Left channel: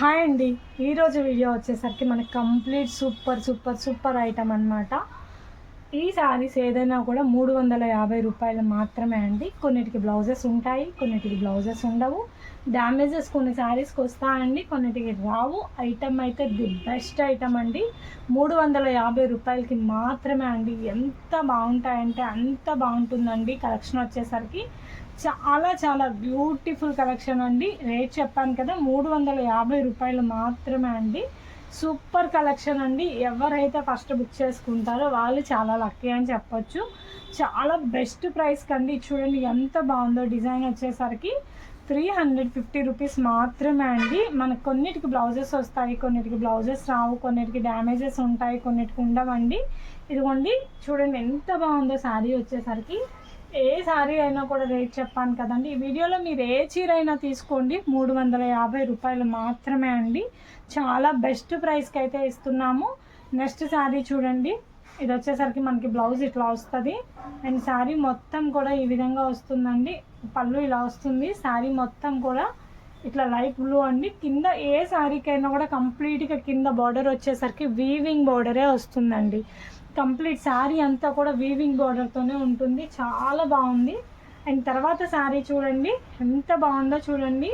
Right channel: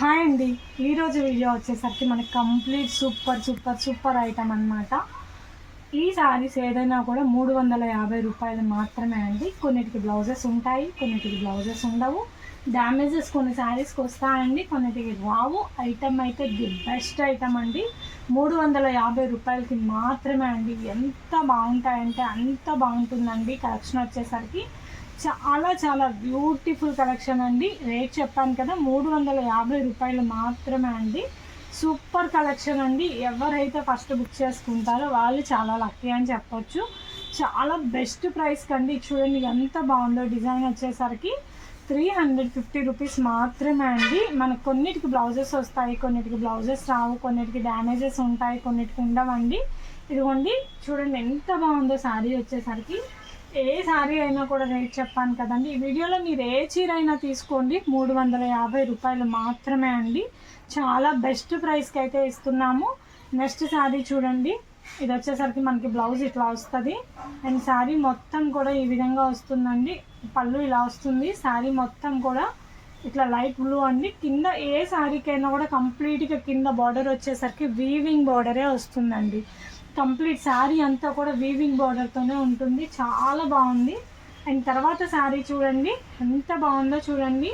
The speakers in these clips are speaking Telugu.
హాయ్ అండి. ఈరోజు వీడియో వచ్చేసరికి మనకి కంప్లీట్ సూపర్ ఐటమ్ అనమాట. ఈ శారీస్ ఏదైనా కూడా 350 రూపాయలు మాత్రమే అండి. కొన్నిటికి బ్లౌజెస్ ఉంటాయి, కొన్నిటికి బ్లౌజెస్ ఉండవు. డ్యామేజెస్ కొన్ని శారీస్కి వస్తాయండి, కొన్నిటికి రావు. ఐటమ్ అయితే ది బెస్ట్ ఐటమ్ అండి. 350 రూపాయలకి మాత్రమే అండి. ఎంత బాగుంటాయంటే అంత బాగుంటుందండి. కలెక్షన్ వచ్చేసరికి చాలా బ్యూటిఫుల్ కలెక్షన్ అండి. రేట్ చెప్పాను కదా, 350 రూపాయలు మాత్రమే అండి. సూపర్ కలెక్షన్ అండి. ఎవరైతే ఫస్ట్ బుక్ చేసుకుంటారో వాళ్ళు చాలా లక్కీ అని చెప్పొచ్చు. చాలా బెస్ట్ ప్రైస్ కండి. చూడండి ఎంత బాగుందో. డిజైన్ వచ్చేసరికి 350 రూపీస్ మాత్రమే అండి. మనకు కొన్నిటికి బ్లౌజెస్ వస్తాయి, కొన్నిటికి బ్లౌజెస్ రావు, కొన్నిటికి డ్యామేజెస్ ఉంటాయి, కొన్నిటికి ఉండవండి. ఇదిగోండి చూడండి ఎంత బాగుందో శారీ వచ్చేసరికి. ఏ శారీ అయినా కూడా రేట్ చెప్పాను కదండి. ఈ వీడియోలో మీరు ఏ చీర అయినా తీసుకోండి, 350 రూపాయలు మాత్రమే అండి. చాలా బెస్ట్ ప్రైస్కి అయితే ఇస్తున్నాము. నెక్స్ట్ శారీ చూడండి. ఇది వచ్చేసరికి మనకి బ్లౌజ్ ఇట్లా వస్తుంది అండ్ శారీ మొత్తం కూడా ఈ విధంగా వస్తుందండి. పళ్ళు ఇలా వస్తుంది. శారీ మొత్తం కూడా ఇట్లా లైట్ బ్లూ అండి. కింద ఏ శారీకైనా కూడా కంప్లీట్గా కింద బార్డర్ వచ్చేసరికి వీవింగ్ బార్డరే వస్తుందండి. కంప్లీట్ శారీ అంతా కూడా వీవింగ్ బార్డర్తోనే ఉంటుంది. చాలా బాగుంది. అండ్ తర్వాత శారీ చూడండి ఎంత బాగుందో. చూడండి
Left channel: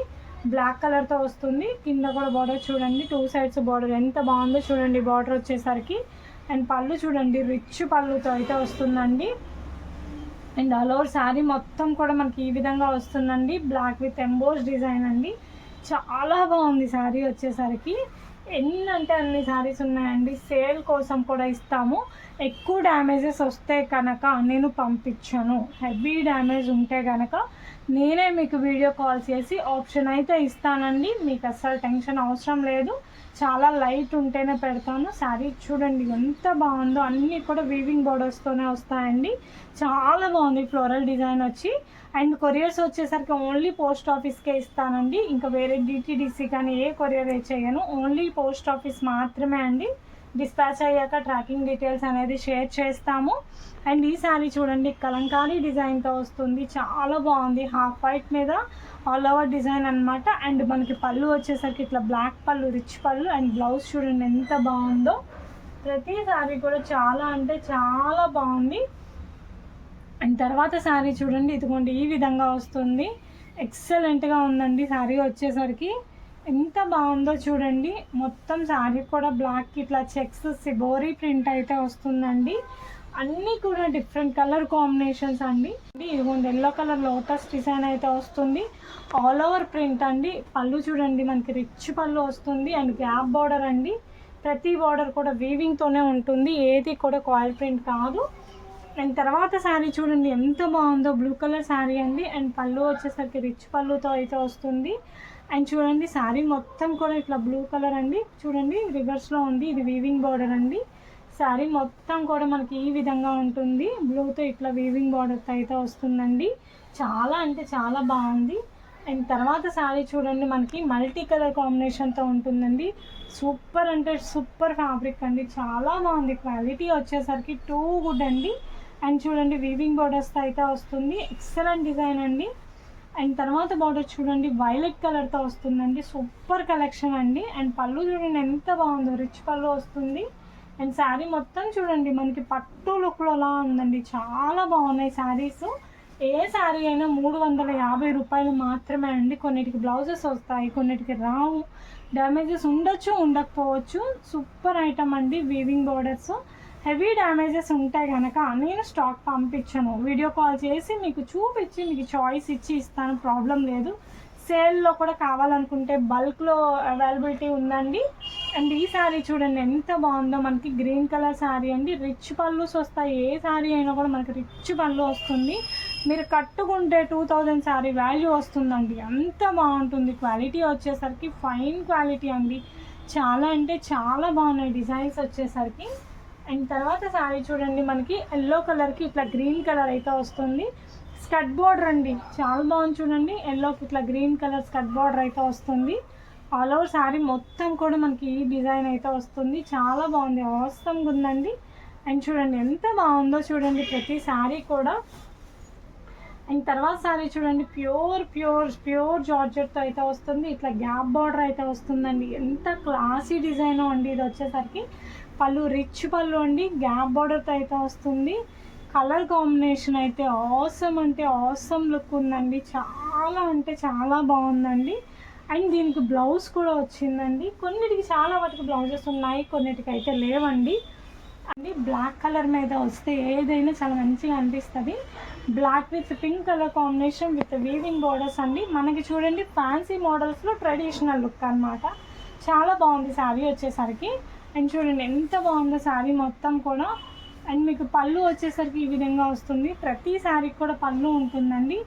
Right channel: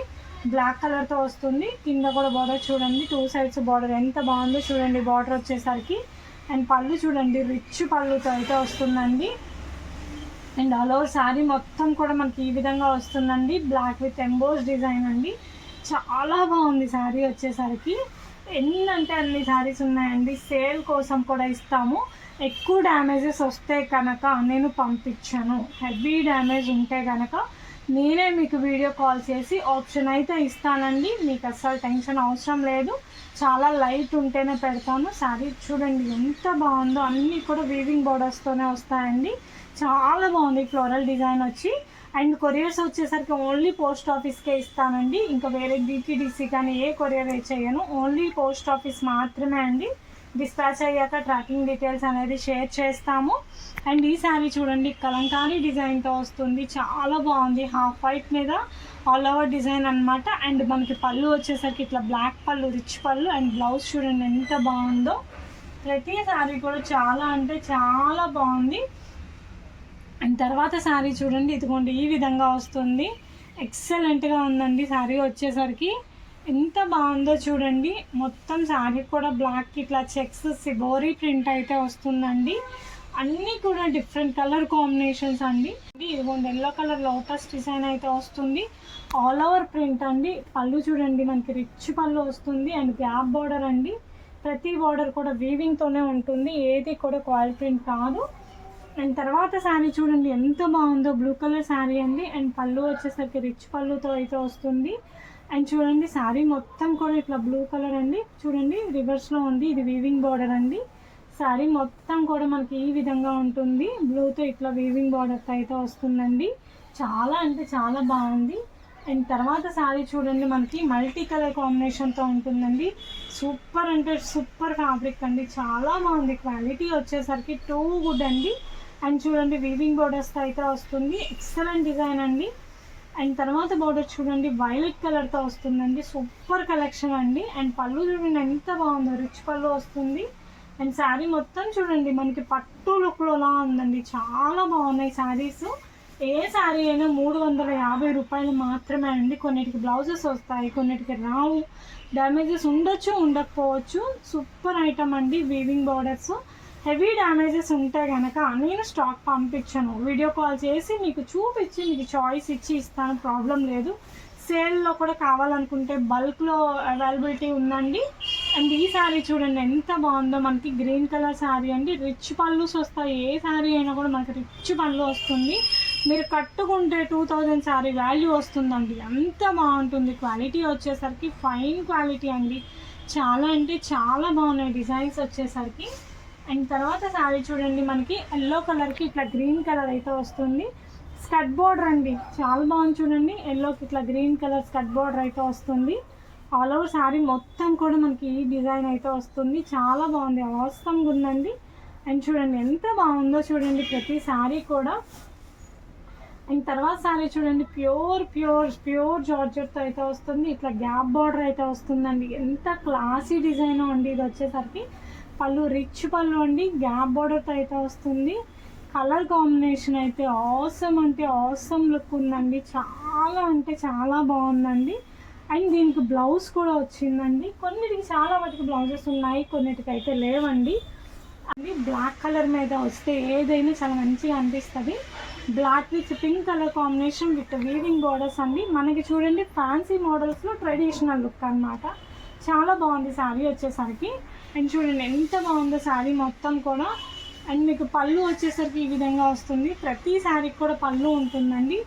బ్లాక్ కలర్తో వస్తుంది. కింద కూడా బార్డర్ చూడండి, 2 సైడ్స్ బార్డర్ ఎంత బాగుందో చూడండి. బార్డర్ వచ్చేసరికి అండ్ పళ్ళు చూడండి, రిచ్ పళ్ళుతో అయితే వస్తుందండి. అండ్ ఆల్ ఓవర్ శారీ మొత్తం కూడా మనకి ఈ విధంగా వస్తుందండి. బ్లాక్ విత్ ఎంబోస్ డిజైన్ అండి. చాలా బాగుంది శారీ వచ్చేసరికి. ఎన్ని అంటే అన్ని శారీస్ ఉన్నాయండి. సేల్ కోసం కూడా ఇస్తాము. ఎక్కువ డ్యామేజెస్ వస్తే కనుక నేను పంపించాను. హెవీ డ్యామేజ్ ఉంటే కనుక నేనే మీకు వీడియో కాల్ చేసి ఆప్షన్ అయితే ఇస్తానండి. మీకు అస్సలు టెన్షన్ అవసరం లేదు. చాలా లైట్ ఉంటేనే పెడతాను. శారీ చూడండి ఎంత బాగుందో. అన్నీ కూడా వీవింగ్ బోర్డర్స్తోనే వస్తాయండి. చాలా బాగుంది ఫ్లోరల్ డిజైన్ వచ్చి. అండ్ కొరియర్స్ వచ్చేసరికి ఓన్లీ పోస్ట్ ఆఫీస్కే ఇస్తానండి. ఇంకా వేరే డిటీడీసీ కానీ ఏ కొరియర్ చేయను. ఓన్లీ పోస్ట్ ఆఫీస్ మాత్రమే అండి. డిస్పాచ్ అయ్యాక ట్రాకింగ్ డీటెయిల్స్ అనేది షేర్ చేస్తాము. అండ్ ఈ శారీ చూడండి కలంకారీ డిజైన్తో వస్తుంది. చాలా బాగుంది. హాఫ్ వైట్ మీద ఆల్ ఓవర్ డిజైన్ అనమాట. అండ్ మనకి పళ్ళు వచ్చేసరికి ఇట్లా బ్లాక్ పళ్ళు, రిచ్ పళ్ళు. అండ్ బ్లౌజ్ చూడండి ఎంత బాగుందో. ప్రతి శారీ కూడా చాలా అంటే చాలా బాగుంది. అండ్ తర్వాత శారీ చూడండి ఇదిగోండి ఈ విధంగా వస్తుంది. ఎక్సలెంట్గా ఉందండి శారీ వచ్చేసరికి. ఎంత బాగుందో చూడండి. మొత్తం శారీ కూడా బ్లాక్ ఇట్లా చెక్స్ సిబోరీ ప్రింట్ అయితే వస్తుందండి. అన్నీ కూడా డిఫరెంట్ కలర్ కాంబినేషన్స్ అండి. ఇదిగోండి ఎల్లో కలర్ లోటస్ డిజైన్ అయితే వస్తుంది. ఆల్ ఓవర్ ప్రింట్ అండి. పళ్ళు చూడండి మనకి రిచ్ పళ్ళు వస్తుంది. అండ్ గ్యాప్ బార్డర్ అండి. ప్రతి బార్డర్ కూడా వీవింగ్తోనే ఉంటుంది. ఏది కూడా కాయిల్ ప్రింట్ కాదు. అండ్ తర్వాత శారీ చూడండి ఎంత బాగుందో. బ్లూ కలర్ శారీ అండి. అండ్ పళ్ళు వచ్చేసరికి రిచ్ పళ్ళుతో అయితే వస్తుంది. అండ్ చూడండి శారీ మొత్తం కూడా ఇట్లా బ్లూ కలర్ అండి. చూడండి రివర్స్లో ఉంది. ఇది వీవింగ్ బార్డర్ అండి. శారీ మొత్తం కూడా మనకి ఈ విధంగా ఉంటుంది. బ్లూతో ఇట్లా వీవింగ్ బార్డర్తో అయితే వస్తుందండి. చాలా అంటే చాలా బాగుంది. అండ్ తర్వాత శారీ చూడండి మనకి మల్టీ కలర్ కాంబినేషన్తో ఉంటుందండి. సూపర్ అంటే సూపర్ ఫ్యాబ్రిక్ అండి. చాలా బాగుంది. క్వాలిటీ వచ్చేసరికి టూ గుడ్ అండి. అండ్ చూడండి వీవింగ్ బార్డర్స్తో అయితే వస్తుంది. ఎక్సలెంట్ డిజైన్ అండి. అండ్ తర్వాత బార్డర్ చూడండి వైలెట్ కలర్తో వస్తుందండి. సూపర్ కలెక్షన్ అండి. అండ్ పళ్ళు చూడండి ఎంత బాగుందో. రిచ్ పళ్ళు వస్తుంది. అండ్ శారీ మొత్తం చూడండి మనకి పట్టు లుక్లోలా ఉందండి. చాలా బాగున్నాయి శారీస్. ఏ శారీ అయినా 350 రూపాయలు మాత్రమే అండి. కొన్నిటికి బ్లౌజెస్ వస్తాయి, కొన్నిటికి రావు. డ్యామేజెస్ ఉండొచ్చు, ఉండకపోవచ్చు. సూపర్ ఐటమ్ అండి. Weaving borders. హెవీ డ్యామేజెస్ ఉంటే కనుక నేను స్టాక్ పంపించాను. వీడియో కాల్ చేసి మీకు చూపించి మీకు చాయిస్ ఇచ్చి ఇస్తాను. ప్రాబ్లం లేదు. సేల్లో కూడా కావాలనుకుంటే బల్క్లో అవైలబిలిటీ ఉందండి. అండ్ ఈ శారీ చూడండి ఎంత బాగుందో. మనకి గ్రీన్ కలర్ శారీ అండి. రిచ్ పళ్ళుస్ వస్తాయి. ఏ శారీ అయినా కూడా మనకి రిచ్ పళ్ళు వస్తుంది. మీరు కట్టుకుంటే 2000 శారీ వాల్యూ వస్తుందండి. అంత బాగుంటుంది. క్వాలిటీ వచ్చేసరికి ఫైన్ క్వాలిటీ అండి. చాలా అంటే చాలా బాగున్నాయి డిజైన్స్ వచ్చేసరికి. అండ్ తర్వాత శారీ చూడండి మనకి ఎల్లో కలర్కి ఇట్లా గ్రీన్ కలర్ అయితే వస్తుంది. స్కట్ బార్డర్ అండి. చాలా బాగుంది చూడండి. ఎల్లోకి ఇట్లా గ్రీన్ కలర్ స్కట్ బార్డర్ అయితే వస్తుంది. ఆల్ ఓవర్ శారీ మొత్తం కూడా మనకి ఈ డిజైన్ అయితే వస్తుంది. చాలా బాగుంది. అవసరంగా ఉందండి. అండ్ చూడండి ఎంత బాగుందో చూడండి. ప్రతి శారీ కూడా అండ్ తర్వాత సారీ చూడండి ప్యూర్ ప్యూర్ ప్యూర్ జార్జెట్తో అయితే వస్తుంది. ఇట్లా గ్యాప్ బార్డర్ అయితే వస్తుందండి. ఎంత క్లాసీ డిజైన్ అండి ఇది వచ్చేసరికి. పళ్ళు రిచ్ పళ్ళు అండి, గ్యాప్ బార్డర్తో అయితే వస్తుంది. కలర్ కాంబినేషన్ అయితే ఆసమ్ అంటే ఆసమ్ లుక్ ఉందండి. చాలా అంటే చాలా బాగుందండి. అండ్ దీనికి బ్లౌజ్ కూడా వచ్చిందండి. కొన్నిటికి చాలా వాటికి బ్లౌజెస్ ఉన్నాయి, కొన్నిటికి అయితే లేవండి. అండి బ్లాక్ కలర్ మీద వస్తే ఏదైనా చాలా మంచిగా అనిపిస్తుంది. Black with pink colour combination with weaving borders అండి. మనకి చూడండి ఫ్యాన్సీ మోడల్స్లో ట్రెడిషనల్ లుక్ అనమాట. చాలా బాగుంది శారీ వచ్చేసరికి. అండ్ చూడండి ఎంత బాగుందో శారీ మొత్తం కూడా. అండ్ మీకు పళ్ళు వచ్చేసరికి ఈ విధంగా వస్తుంది. ప్రతి శారీకి కూడా పళ్ళు ఉంటుందండి.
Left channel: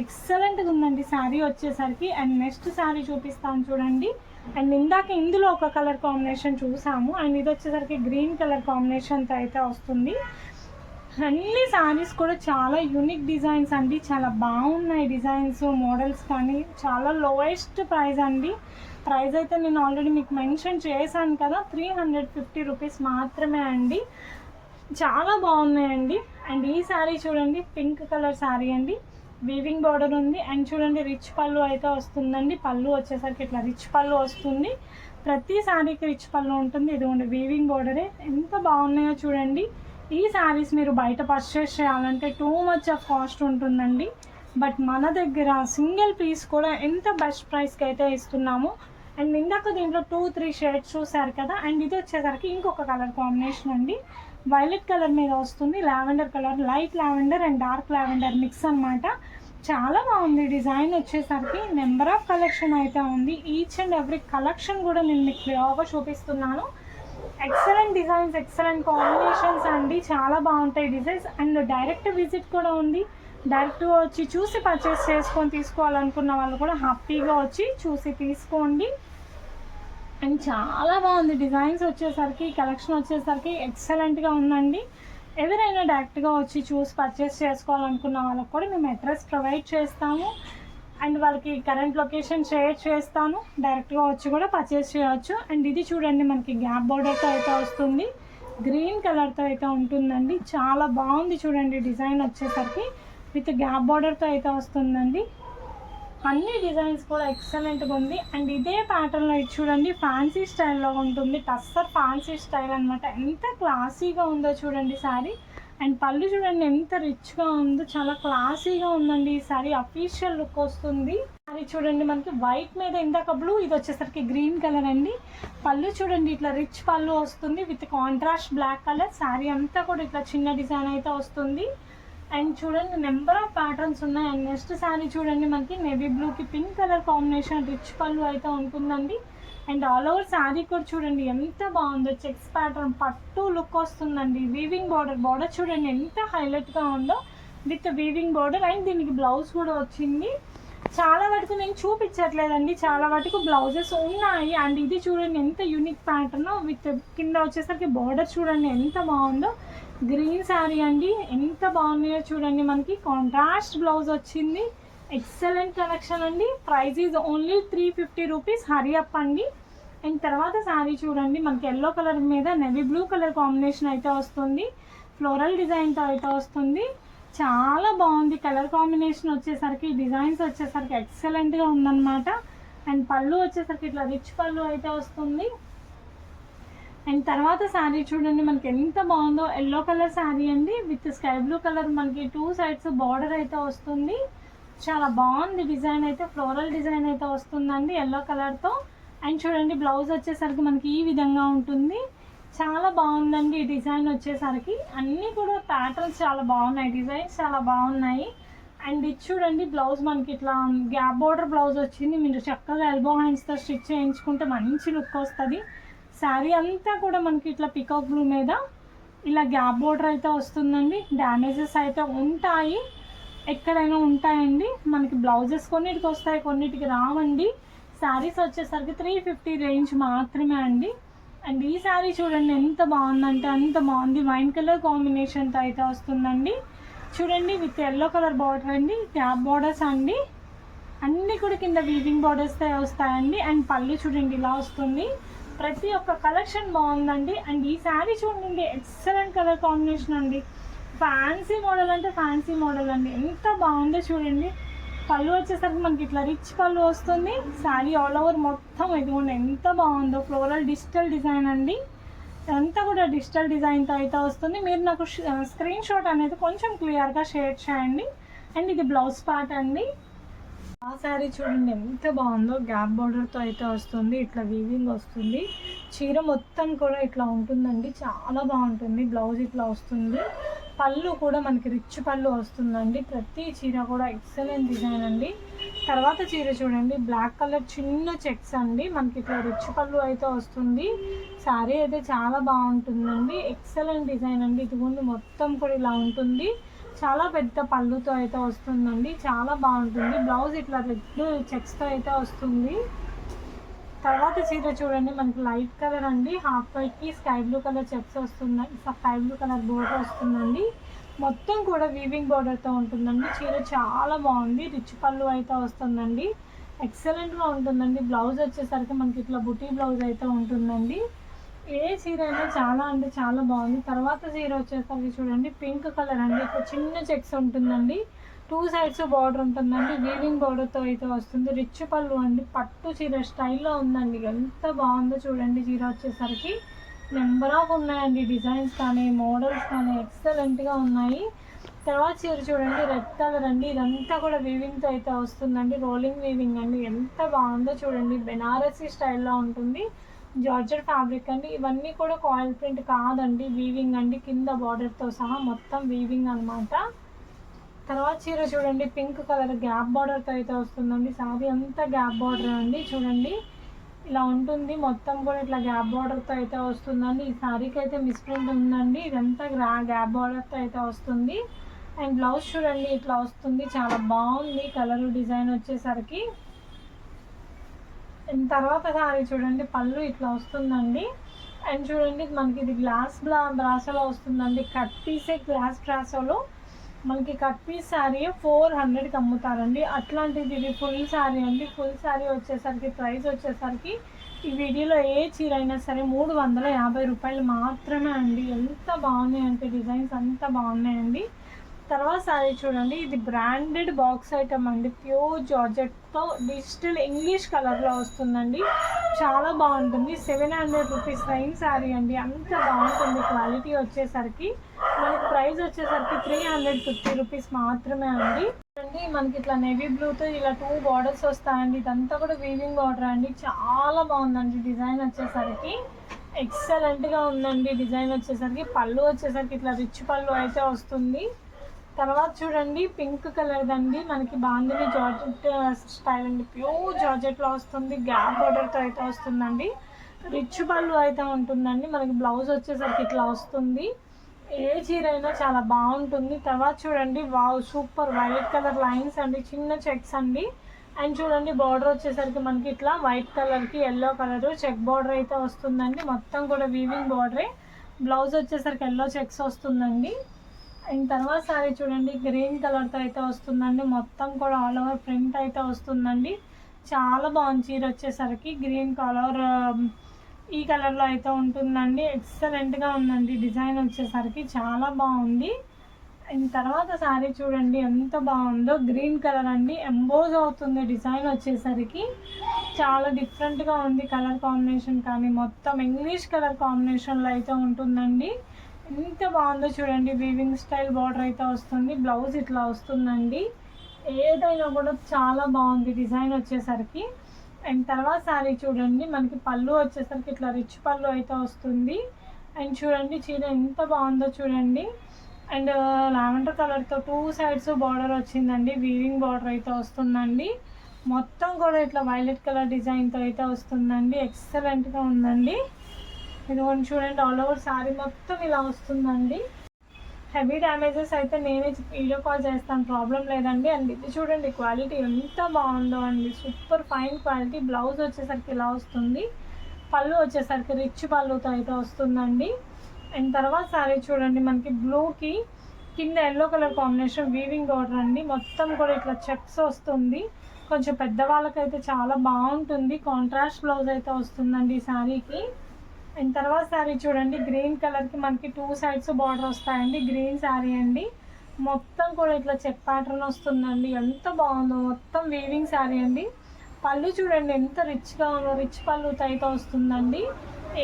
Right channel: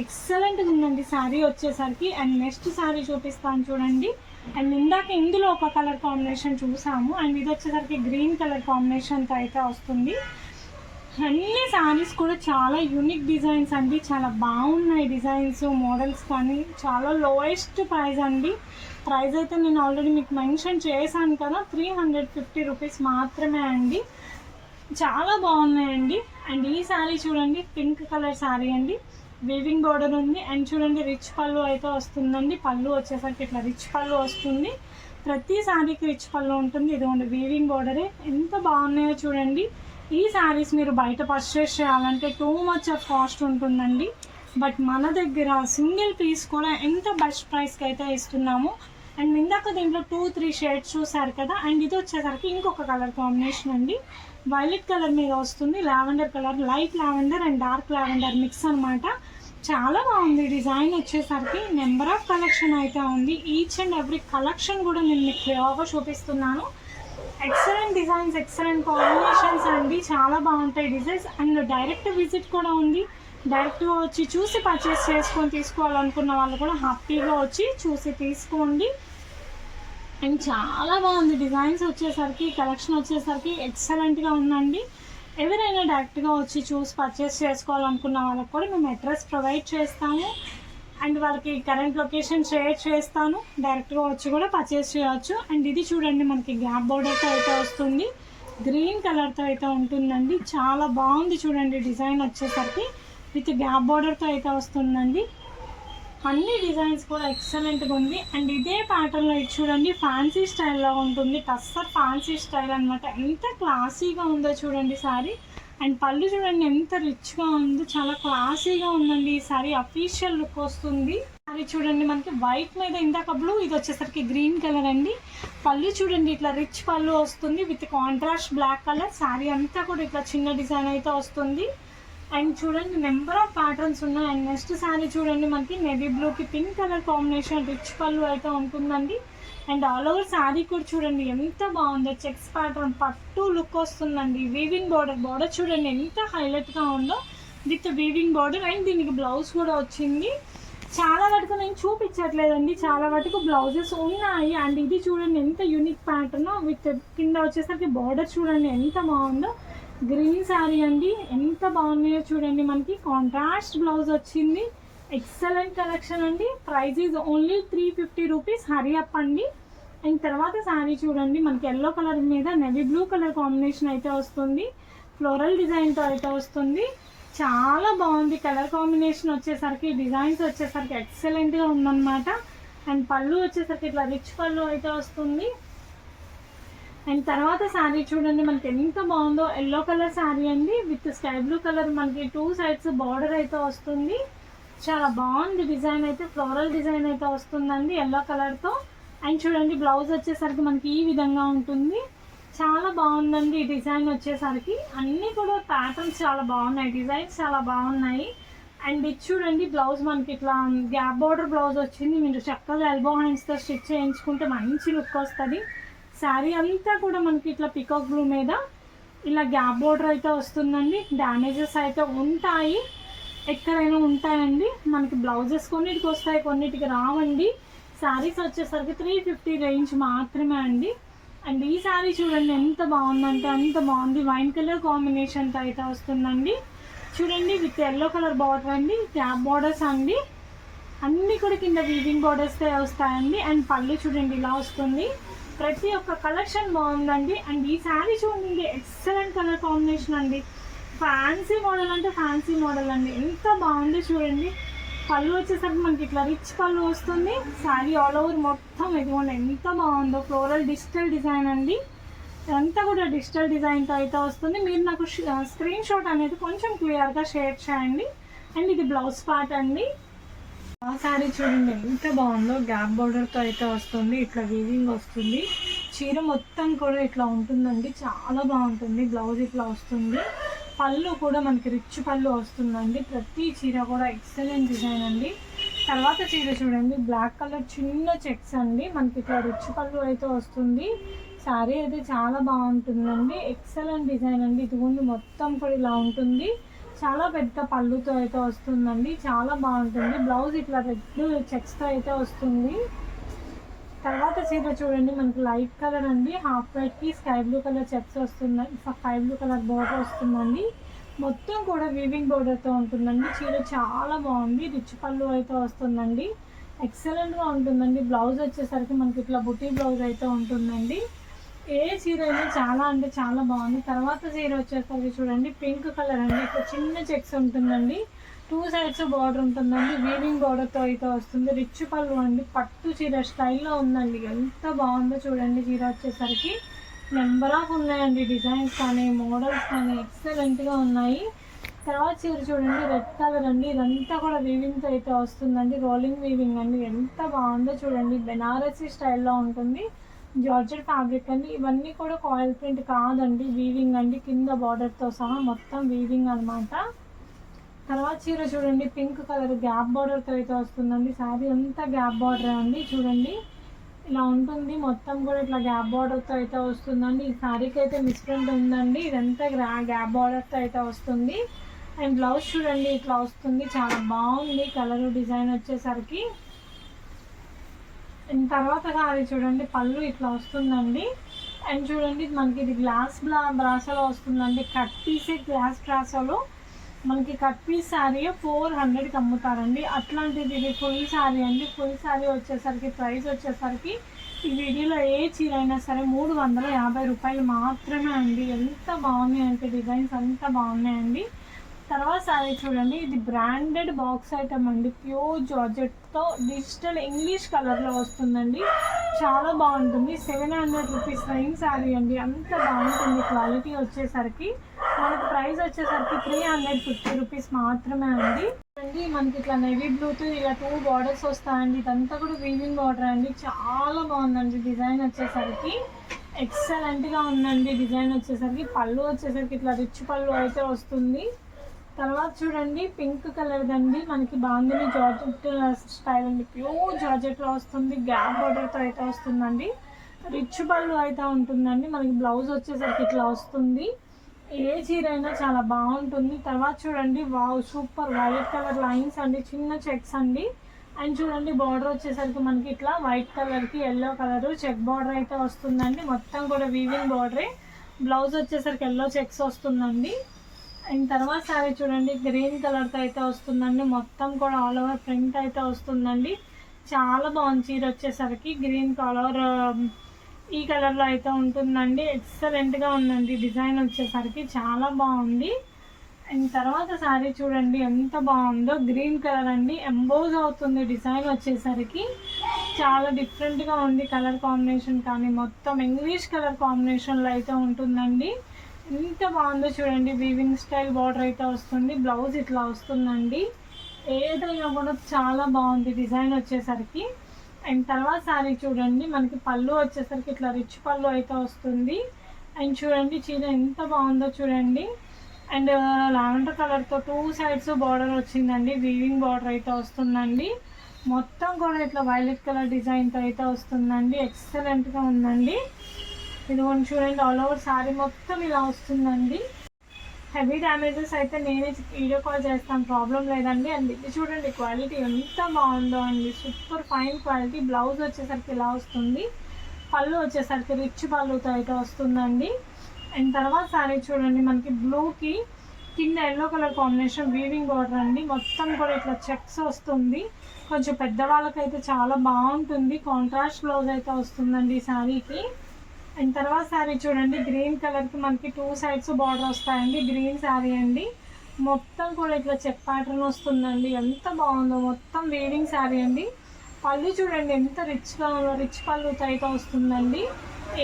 ఎక్సలెంట్గా ఉందండి శారీ వచ్చేసరికి. అండ్ నెక్స్ట్ శారీ చూపిస్తాను చూడండి. అండ్ ఇందాక ఇందులో ఒక కలర్ కాంబినేషన్ చూసాము. అండ్ ఇది వచ్చేసరికి గ్రీన్ కలర్ కాంబినేషన్తో అయితే వస్తుంది. అన్ని శారీస్ కూడా చాలా యూనిక్ డిజైన్స్ అండి. చాలా బాగున్నాయి డిజైన్స్, మోడల్స్ కానీ. చాలా లోయెస్ట్ ప్రైస్ అండి. ప్రైస్ అయితే నేను ఆల్రెడీ మీకు మెన్షన్ చేశాను కదా, 350 రూపీస్ మాత్రమే అండి. చాలా బాగున్నాయండి. అండ్ ఈ శారీ చూడండి పింక్ కలర్ శారీ అండి. వీవింగ్ బార్డర్ ఉంది. అండ్ చూడండి రిచ్ పళ్ళు అయితే వస్తుందండి. పళ్ళు వచ్చేసరికి ఇట్లా రిచ్ పళ్ళు వస్తుంది. ప్రతి శారీకి రిచ్ పళ్ళు ఉంటుంది. ఇదిగోండి వీవింగ్ బార్డరే. ఎంత బాగున్నాయో చూడండి. ఈ శారీస్ మీరు బయట పర్చేస్ చేయాలంటే టూ మచ్ ఆఫ్ కాస్ట్ ఉంటుందండి. బట్ మన దగ్గర సింగిల్ పీస్ కూడా ఎంత బెస్ట్ ప్రైస్కి అయితే ఇస్తున్నాము. అండ్ ఇందాక దీంట్లో 2-3 షేడ్స్ చూసారు కదా. అండ్ ఇది వచ్చేసరికి ఇంకొక కలర్ కాంబినేషన్ అండి. వైలెట్ కలర్ మీద వస్తుంది, lavender colour, light lavender and dark lavender mix అనమాట. చాలా బాగుంది డిజైన్ వచ్చేసరికి. నెంబర్ ఆఫ్ కలెక్షన్ అయితే ఉంది. ఈచ్ అండ్ ఎవ్రీ కలెక్షన్ కూడా నేను మీకు క్లియర్గా చూపిస్తున్నాను. ఎక్సలెంట్ డిజైన్స్, ఎక్సలెంట్ కాంబినేషన్స్ అండి. చాలా బాగుంటాయి డిజైన్స్. అండ్ డైరెక్ట్ విజిట్ కూడా ఉంది. డైరెక్ట్గా వచ్చి చూసి పర్చేస్ చేసుకొని తీసుకోవాలనుకున్న వాళ్ళు కూడా హ్యాపీగా వచ్చి చూసి తీసుకోండి. అండ్ చాలా బాగుంది డిజైన్స్ వచ్చేసరికి, కలెక్షన్ వచ్చేసరికి ఎక్సలెంట్గా ఉందండి. ఎవరైనా డైరెక్ట్గా వచ్చి చూసి పర్చేస్ చేసుకోవాలనుకున్న వాళ్ళకి కూడా మేము అడ్రస్ ప్రొవైడ్ చేస్తాము. అండ్ వాళ్ళకి కరెంట్ లొకేషన్ షేర్ చేస్తాను. డైరెక్ట్గా వచ్చి కూడా పర్చేస్ చేయవచ్చు. అండ్ ఇది చూడండి మనకి గ్యాప్ బోర్డర్తో అయితే వస్తుంది. గ్రీన్ కలర్తో అయితే ఉంటుందండి. చాలా బాగుంది చూడండి డిజైన్ వచ్చేసరికి. విత్ గ్యాప్ బార్డర్తో అయితే వస్తుందండి. అన్ని డిజైన్స్ కూడా ఎక్సలెంట్గా ఉంది. అండ్ ఇదే ప్యాటర్న్లో ఇది చూడండి ఫ్యాన్సీ స్టైల్లో ఉంటుంది. టస్సర్ ఫ్యాన్సీ స్టైల్ అనమాట. ఎంత క్లాసీగా ఉందో చూడండి శారీ. అండ్ పళ్ళు చూడండి ఎంత రిచ్గా ఉందో, చాలా క్లాసీగా ఉందండి. ఈ సారీ అఫీషియల్ లుక్ వస్తుంది. సారీ చూడండి మనకి వైట్ మీద ఇందాక బ్లూ, ఇది వచ్చేసరికి గ్రీన్ కలర్ అండి. పళ్ళు చూడండి ఇట్లా రిచ్ పళ్ళు వస్తుంది with contrast black colour. Sari అంతా కూడా ఇట్లా చిన్న డిజైన్ అయితే వస్తుంది. అండ్ చూడండి నెంబర్ ఆఫ్ ప్యాటర్న్స్ ఉన్నాయి. అండ్ నెక్స్ట్ సారీ చూడండి మనకి నేవీ బ్లూకి పింక్ కలర్ కాంబినేషన్ రిచ్ పళ్ళు అయితే ఉంటుందండి. అండ్ ఆల్ ఓవర్ శారీ కూడా చూడండి ఎంత బాగుందో. చెక్స్ ప్యాటర్న్ పట్టు లుక్ వస్తుందండి. వీవింగ్ బార్డర్ చూడండి ఎంత హైలైట్గా ఉందో విత్ వీవింగ్ బార్డర్. అండ్ దీనికి బ్లౌజ్ కూడా వచ్చింది. చాలా వరకు నేను చూపించట్లేదండి, చాలా వరకు బ్లౌజెస్ ఉన్నాయి. అండ్ ఇది చూడండి ఎంత యూనిక్ ప్యాటర్న్ విత్ కింద వచ్చేసరికి బార్డర్ చూడండి ఎంత బాగుందో. గ్రీన్ శారీ అండి, ఎంత బాగున్నాయో చూడండి. మనకి కాంట్రాస్ట్ బ్లౌజ్ వచ్చింది. ఎక్సలెంట్ కలెక్షన్ అండి. Price is only 350 rupees. Hari up అండి. అండ్ తర్వాత శారీ చూడండి మనకి ఎల్లో కలర్ మీద నేవీ బ్లూ కలర్ కాంబినేషన్ అయితే వస్తుంది. ఫ్లోరల్ డిజైన్తో అయితే వస్తుంది. చాలా బాగుంది కలర్ కాంబినేషన్ వచ్చేసరికి. డిజైన్స్ వచ్చేసరికి ఎక్సలెంట్గా ఉందన్నమాట. అండ్ పళ్ళు వచ్చేసరికి ఇట్లా రిచ్ పళ్ళు అయితే వస్తుంది. అండ్ తర్వాత శారీ చూడండి మనకి ఎంత బాగుందో. ఎల్లో కలర్ శారీ అండి విత్ స్కై బ్లూ కలర్. మనకి 2 సైడ్స్ బార్డర్ అయితే వస్తుంది. చాలా బాగుంది డిజైన్ అయితే. ఫ్లోరల్ డిజైన్ అయితే వస్తుందండి ఎల్లో కలర్తో. అండ్ చూడండి బ్లౌజ్ వచ్చేసరికి మనకి ఈ విధంగా ఉంటుంది. చాలా బాగుందండి ఈ డిజైన్ వచ్చేసరికి. అన్నీ కూడా ప్యాటర్న్స్ చాలా బాగున్నాయి, డిజైన్స్ చాలా బాగున్నాయి. అండ్ ఇది చూడండి బ్లౌజ్ మనకి ఇట్లా గ్యాప్ బార్డర్ బ్లౌజ్ వచ్చింది. మీరు చక్కగా ఎల్బో హ్యాండ్స్తో స్టిచ్ చేయించుకుంటే మంచి లుక్ వస్తుంది. శారీ అంతా కూడా మనకి ఇట్లా పికాక్ బ్లూ మీద ఇలా గ్యాప్ బార్డర్ అయితే వస్తుందండి. డ్యామేజెస్ అయితే ఉంటాయి, ఎక్కడైనా ఉంటాయండి. మనకి బ్లౌజెస్ కొన్నిటికి వస్తాయి, కొన్నిటికి రావండి. శారీస్ వచ్చేసరికి 350 రేంజ్ మాత్రమే అండి. అండ్ ఈ శారీ చూడండి ఎంత బాగుందంటే అంత బాగుంది. వైన్ కలర్ కాంబినేషన్తో అయితే వస్తుందండి. చూడండి విత్ ఎల్లో కలర్ బార్డర్ అండి, గ్యాప్ బార్డర్స్ అండి. అన్నీ కూడా కింద వీవింగ్ బార్డర్స్ వస్తాయండి. అండ్ పళ్ళు చూడండి ఇలా వస్తుంది. ప్రతి ఒక్క కలెక్షన్ బాగుందండి. అండ్ ఈ శారీ చూడండి ఎక్సలెంట్ కలర్ కాంబినేషన్ అండి. ఫ్యాన్సీ మోడల్ అంటే ఫ్యాన్సీ మోడల్ అండి, ఎంత బాగుందో చూడండి. పళ్ళు వచ్చేసరికి మనకి ఇట్లా రిచ్ పళ్ళు వస్తుంది. శారీ ఆల్ ఓవర్ మొత్తం ఇదిగోండి ఎంత బాగుందో. ఫ్లోరల్ డిజిటల్ డిజైన్ అండి, అంతా కూడా డిజిటల్ డిజైన్తో అయితే వస్తుంది. మీరు నాకు స్క్రీన్ షాట్ అనేది కొంచెం క్లియర్గా షేర్ చేయండి. అండ్ ఇది బ్లౌజ్ పార్ట్ అండి. ఆ శారీ చూడండి ఎంత బాగుందో, గ్యాప్ బోర్డర్తో అయితే వస్తుంది. ఇట్లా వీవింగ్ వస్తుంది. చీర మొత్తం కూడా ఇట్లా ఉంటుందండి, చాలా బాగుంటుంది. బ్లౌజ్ ఇట్లా వస్తుంది. పళ్ళు కూడా మనకి రిచ్ పళ్ళు వస్తుందండి. ప్రతి చీర కూడా ఎక్సలెంట్ డిజైన్ అండి. తర్వాత చీర చూడండి, బ్లాక్ కలర్ చిన్న చెక్స్ అండి, మనకి ఇట్లా రిచ్ పళ్ళు అయితే వస్తుంది. శారీ అయితే చాలా బాగుంటుందండి, ఎక్సలెంట్ డిజైన్ అండి. ఇదిగోండి మొత్తం కూడా ఇలా ఉంటుంది. చాలా పెద్ద పళ్ళుతో అయితే వస్తుందండి, చాలా బాగుంటుంది. బ్లౌజ్ ఇట్లా రెడ్ చెక్స్తో అయితే వస్తుంది. తర్వాత చీర చూడండి, మనకి లైట్ కలర్ అండి, హాఫ్ వైట్కి స్కై బ్లూ కలర్ చెక్స్ వస్తున్నాయి, స్కై బ్లూ కలర్ బోర్డర్ వస్తుందండి. మొత్తం కూడా వీవింగ్ బోర్డర్తో ఉంటుందండి. చీర చాలా బాగుంది, రిచ్ పళ్ళు అయితే వస్తుందండి, ఎక్సలెంట్గా ఉంటుందండి. బ్లౌజ్ వచ్చేసరికి మనకి ఇట్లా బుటీ బ్లౌజ్ అయితే ఉంటుందండి. ఏ చీర అయినా చాలా అంటే చాలా బాగుంది. తర్వాత చీర వచ్చేసరికి చూడండి, పింక్ కలర్ అండి, ఇక్కడ చిన్న చెక్స్ ఉంటుందండి, 2 సైడ్స్ బార్డర్ ఉంటుందండి, వీవింగ్ బార్డర్తో అయితే వస్తుంది. రిచ్ పళ్ళు అండి, పట్టు చీర స్టైల్లో ఉందండి, ఎంత బాగుందో చూడండి. చీర వచ్చేసరికి నెంబర్ ఆఫ్ ఉన్నాయండి, డిజైన్స్ కానీ మోడల్స్ కానీ ఎక్సలెంట్గా ఉన్నాయి. తర్వాత చీర చూడండి, రెడ్ కలర్ అండి, ఇదంతా కూడా వీవింగ్తో అయితే వస్తుందండి, రోలింగ్ వీవింగ్ అండి, ఎంత బాగుందో చూడండి. బెనారసీ స్టైల్లో ఉంటుంది, జార్జెట్ ఫ్యాబ్రిక్ అండి. ఇవన్నీ కూడా కాయిల్ ప్రింట్ కాదండి, వీవింగ్ అండి, కింద బార్డర్తో సహా మొత్తం వీవింగ్ అనమాట. తర్వాత చీర చూడండి, పింక్ కలర్ గ్యాప్ బార్డర్తో అయితే వస్తుందండి. శారీ అంతా గ్యాప్ బార్డర్ అండి, చూడండి ఇలా ఉంటుంది. మొత్తం కూడా ఇట్లా గ్యాప్ బార్డర్తో అయితే వస్తుందండి. ఈ శారీకి అయితే మిస్ప్రింట్ ఉందండి, ఇదంతా గ్యాప్ బార్డర్తో అయితే వస్తుంది. అండ్ బ్లౌజ్ చూడండి ఇట్లా వస్తుంది, చాలా బాగుంది కలర్ డిజైన్ వచ్చేసరికి. అండ్ తర్వాత శారీ చూడండి, పళ్ళు ఇట్లా వస్తుందండి. అండ్ చూడండి మనకి ఇది గ్లాస్ బ్రాసోలో వస్తుందండి, కట్ పీసే గ్లాస్ బ్రాసోలో మనకి కట్ పీస్ శారీ 400కి అమ్ముతారండి. అట్లాంటిది ఇది ఫుల్ శారీ అండి. ఫుల్ శారీ వచ్చేసరికి ప్రైస్ వచ్చేసరికి ఈ వీడియోలో ఏ చీర అయినా సరే 350 రూపాయలు మాత్రమే అండి. ఎంత బాగున్నాయి అంటే డిజైన్స్ అంత బాగున్నాయండి. తర్వాత శారీ చూడండి, ఇది బ్రాండెడ్ బాక్స్ ఐటమ్ అండి, ప్యూర్ జార్జెట్తో డిజిటల్ ఇంగ్లీష్ కలర్లో వస్తుందండి, చాలా బాగుంటుంది. 700 రూపీస్ రైన్ శారీ అండి, అంత బాగుంటుంది. క్వాలిటీ వచ్చేసరికి మనకి ప్రైస్ వచ్చేసరికి 350 రూపీస్ మాత్రమే అండి. మనకి ఇట్లా నేవీ బ్లూతో ఇలా 2 బార్డర్స్ వస్తాయండి, ఇదంతా కూడా వీవింగ్ బార్డర్ అండి, చాలా బాగుందండి. డిజైన్ వచ్చేసరికి ఎక్సలెంట్గా ఉందండి. డిజైన్ వచ్చేసరికి పళ్ళు వచ్చేసరికి ఇట్లా రిచ్ పళ్ళు అయితే వస్తుంది. తర్వాత చూడండి, పింక్ కలర్ దండి, మనకి బాందిని జార్జెట్ స్టైల్ అండి, ప్యూర్ జార్జెట్లో వస్తుంది, గ్యాప్ బార్డర్తో అయితే వస్తుందండి, రిచ్ పళ్ళు అయితే ఉంటుందండి. మనకి బ్లౌజ్ వచ్చేసరికి ఇట్లా వస్తుంది. ఏ చీర అయినా చాలా బాగుంటుంది. తర్వాత చూడండి, wow super violet colour lines అండి, చిన్న చెక్స్ అండి. అండ్ చూడండి బార్డర్ వచ్చేసరికి మనకి ఇట్లా వైట్ కలర్కి ఎల్లో కలర్ చెక్ బార్డర్ అయితే వస్తుందండి, మొత్తం కూడా వీవింగ్ బార్డరే. బ్లౌజ్ వచ్చేసరికి ఎల్లో చెక్స్ వస్తుందండి. అండ్ తర్వాత శారీ చూడండి, గ్రీన్ కలర్తో అయితే వస్తుందండి, మొత్తం కూడా ఆల్ ఓవర్ ప్రింట్ అయితే వస్తుందండి, చాలా బాగుంది. చీర వచ్చేసరికి గ్రీన్ కలర్ ఈ కలర్లో అయితే ఉంటుందండి, ఎక్సలెంట్గా ఉందండి. డిజైన్ వచ్చేసరికి చాలా బాగుంది. అండ్ తర్వాత శారీ చూడండి ఎంత బాగుందో, గ్రీన్ కలర్ అండి, ఎంబోజ్ అవుతుంది డిజైన్ వచ్చేసరికి, చాలా డిఫరెంట్గా ఉంది కలర్ కాంబినేషన్ కానీ, మొత్తం ఇంగ్లీష్ కలర్ కాంబినేషన్లో అయితే ఉంటుందండి, ఎంత బాగుందో చూడండి. వీవింగ్ స్టైల్ బార్డర్ అయితే వస్తుంది, బ్లౌజ్ ఇట్లా వస్తుందండి, ఏదైనా కూడా చాలా బాగుంది డిజైన్ వచ్చేసరికి. అండ్ తర్వాత శారీ చూడండి, మనకి పళ్ళు వచ్చేసరికి ఇట్లా రిచ్ పళ్ళు అయితే వస్తుంది. అండ్ చూడండి చీర ఎంత బాగుందో చూడండి. అండ్ లావెండర్ కలర్తో 2 సైడ్స్ బార్డర్ వచ్చిందండి, వీవింగ్ బార్డర్ అయితే వస్తుందండి, మొత్తం కూడా ఇట్లా వైలెట్ కలర్ డిజైన్తో అయితే వస్తుందండి, ఎక్సలెంట్గా ఉందండి. ఇది కొంచెం చూడండి, ఆల్ ఓవర్ శారీ మొత్తం ఇలా వస్తుందండి. హెవీ డ్యామేజెస్ అయితే నేనే వీడియో కాల్ చేస్తాను, ప్రాబ్లం లేదండి. అండ్ ఇది చూడండి క్వాలిటీ ఎంత బాగుందో అండి, సూపర్ ఫైన్ క్వాలిటీ. బ్లౌజ్ వచ్చేసరికి ఇలా వస్తుంది, పళ్ళు వచ్చేసరికి రిచ్ పళ్ళుతో అయితే వస్తుందండి. అండ్ తర్వాత శారీ చూడండి, మనకి బ్లూకి కింద yellow colour combination weaving border అండి, మొత్తం కూడా ఇట్లా చెక్స్ వస్తుంది, కొంచెం పెద్దవాళ్ళకైతే చాలా బాగుంటుంది. కాంట్రాస్ట్ బ్లౌజ్ అయితే వస్తుందండి ఈ శారీకి. అండ్ తర్వాత శారీ చూడండి గ్రీన్ కలర్కి మనకి 2 సైడ్స్ బార్డర్ వస్తాయండి. గ్రీన్ శారీ అండి, మొత్తం కూడా ఇట్లా చెక్ ప్యాటర్న్ వస్తుందండి. ఎంత బాగుందో, మొత్తం వీవింగ్ శారీ అండి. పళ్ళు చూడండి ఎంత రిచ్గా ఉందో, రిచ్ పళ్ళుతో అయితే వస్తుందండి.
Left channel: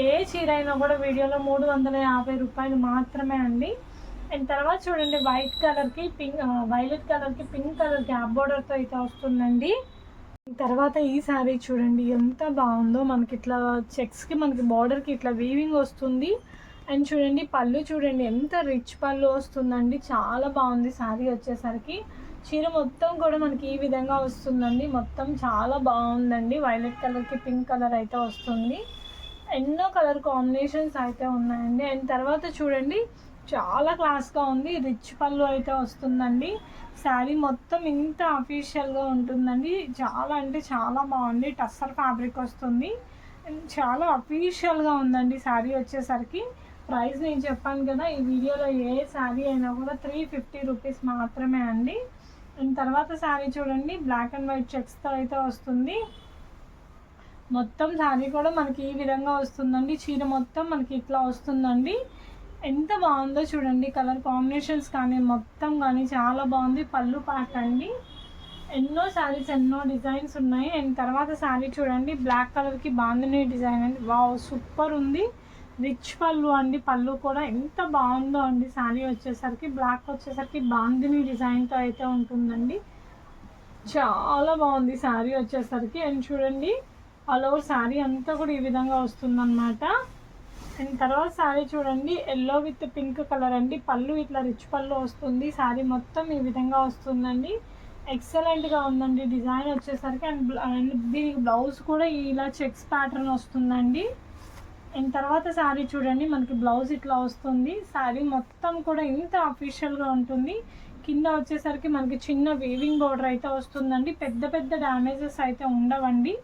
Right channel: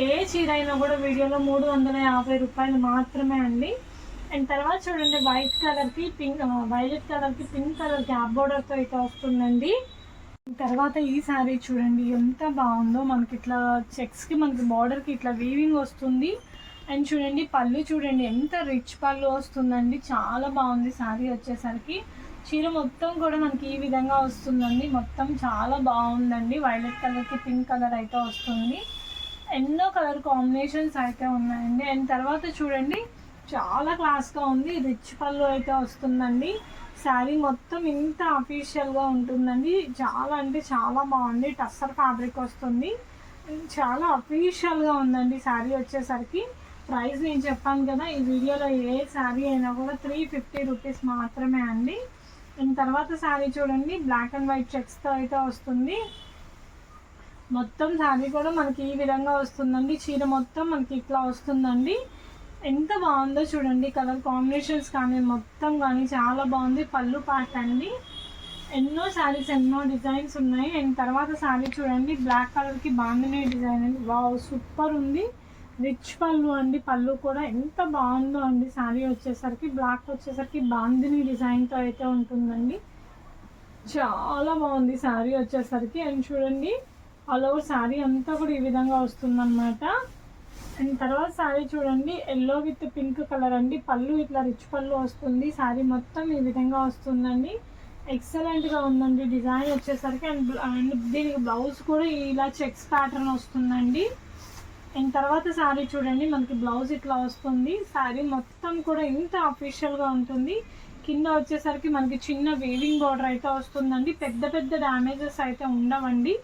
ఏ చీర అయినా కూడా వీడియోలో 350 రూపాయలు మాత్రమే అండి. అండ్ తర్వాత చూడండి వైట్ కలర్కి వైలెట్ కలర్కి పింక్ కలర్ గ్యాప్ బోర్డర్తో అయితే వస్తుందండి. తర్వాత ఈ శారీ చూడండి ఎంత బాగుందో, మనకి ఇట్లా చెక్స్కి మనకి బార్డర్కి ఇట్లా వీవింగ్ వస్తుంది. అండ్ చూడండి పళ్ళు చూడండి ఎంత రిచ్ పళ్ళు వస్తుందండి, చాలా బాగుంది శారీ వచ్చేసరికి. చీర మొత్తం కూడా మనకి ఈ విధంగా వస్తుందండి, మొత్తం చాలా బాగుందండి. వైలెట్ కలర్కి పింక్ కలర్ అయితే వస్తుంది, ఎన్నో కలర్ కాంబినేషన్స్ అయితే ఉన్నాయండి. అండ్ తర్వాత చూడండి చాలా క్లాస్గా ఉంది, రిచ్ పళ్ళు అయితే వస్తుందండి. శారీ మొత్తం ఇంత అఫీషియల్గా ఉంటుందండి, చాలా అంటే చాలా బాగుంది. టస్సర్ ఫ్యాబ్రిక్ వస్తుంది, చాలా అఫీషియల్గా ఉందండి శారీ వచ్చేసరికి. ప్రైస్ నేను చెప్పాను కదా, ఈ వీడియోలో ఏ శారీ అయినా కూడా 350 రూపీస్ మాత్రమే అండి. అండ్ తర్వాత శారీ చూడండి బ్లాక్ అండ్ వైట్ చెక్స్తో అయితే వస్తుంది. మొత్తం శారీ కూడా మనకి ఈ విధంగా వస్తుందండి. చీర మొత్తం మనకి ఇట్లా వస్తుందండి. ఎంత బాగుందో చూడండి, కలర్ కాంబినేషన్స్ కానీ మొత్తం కానీ చాలా బాగుంది. పళ్ళు పార్ట్ అండి, ఎన్నో శారీస్ ఎన్నో డిజైన్స్ ఉన్నాయి. అండ్ తర్వాత శారీ చూడండి బ్లాక్ కలర్కి బాందిని డిజైన్ అండి, వావ్ సూపర్ ఉంది. రిచ్ పళ్ళు అండి, పళ్ళు కూడా ఎంత బాగుందో అండి. శారీ వచ్చేసరికి బ్లాక్ వచ్చేసరికి బాందిని డిజైన్తో అయితే ఉంటుందండి, చాలా బాగుంది శారీ వచ్చేసరికి. అండ్ చూడండి ఆల్ ఓవర్ శారీ అంతా కూడా ఈ విధంగా వస్తుందన్నమాట. అండ్ తర్వాత శారీ చూడండి ఎల్లో విత్ పింక్ కలర్ అండి, పళ్ళు ఇట్లా రిచ్ పళ్ళు వస్తుంది. శారీ మొత్తం ఈ విధంగా వస్తుందండి, ఎక్సలెంట్గా ఉందండి డిజైన్ వచ్చేసరికి. అండ్ దీనికి బ్లౌజ్ కూడా ఇలా చెక్స్ ప్యాటర్న్ వస్తుందండి. అండ్ తర్వాత శారీ చూడండి మనకి బ్లౌజ్ ఇట్లా వస్తుంది. శారీ మొత్తం కూడా ఇంత అఫీషియల్గా ఉంటుంది. కింద వచ్చేసరికి మనకి చిన్న వీవింగ్ బోర్డర్ అయితే వస్తుందండి. పెద్ద పెద్ద డ్యామేజెస్ అయితే ఉండవండి.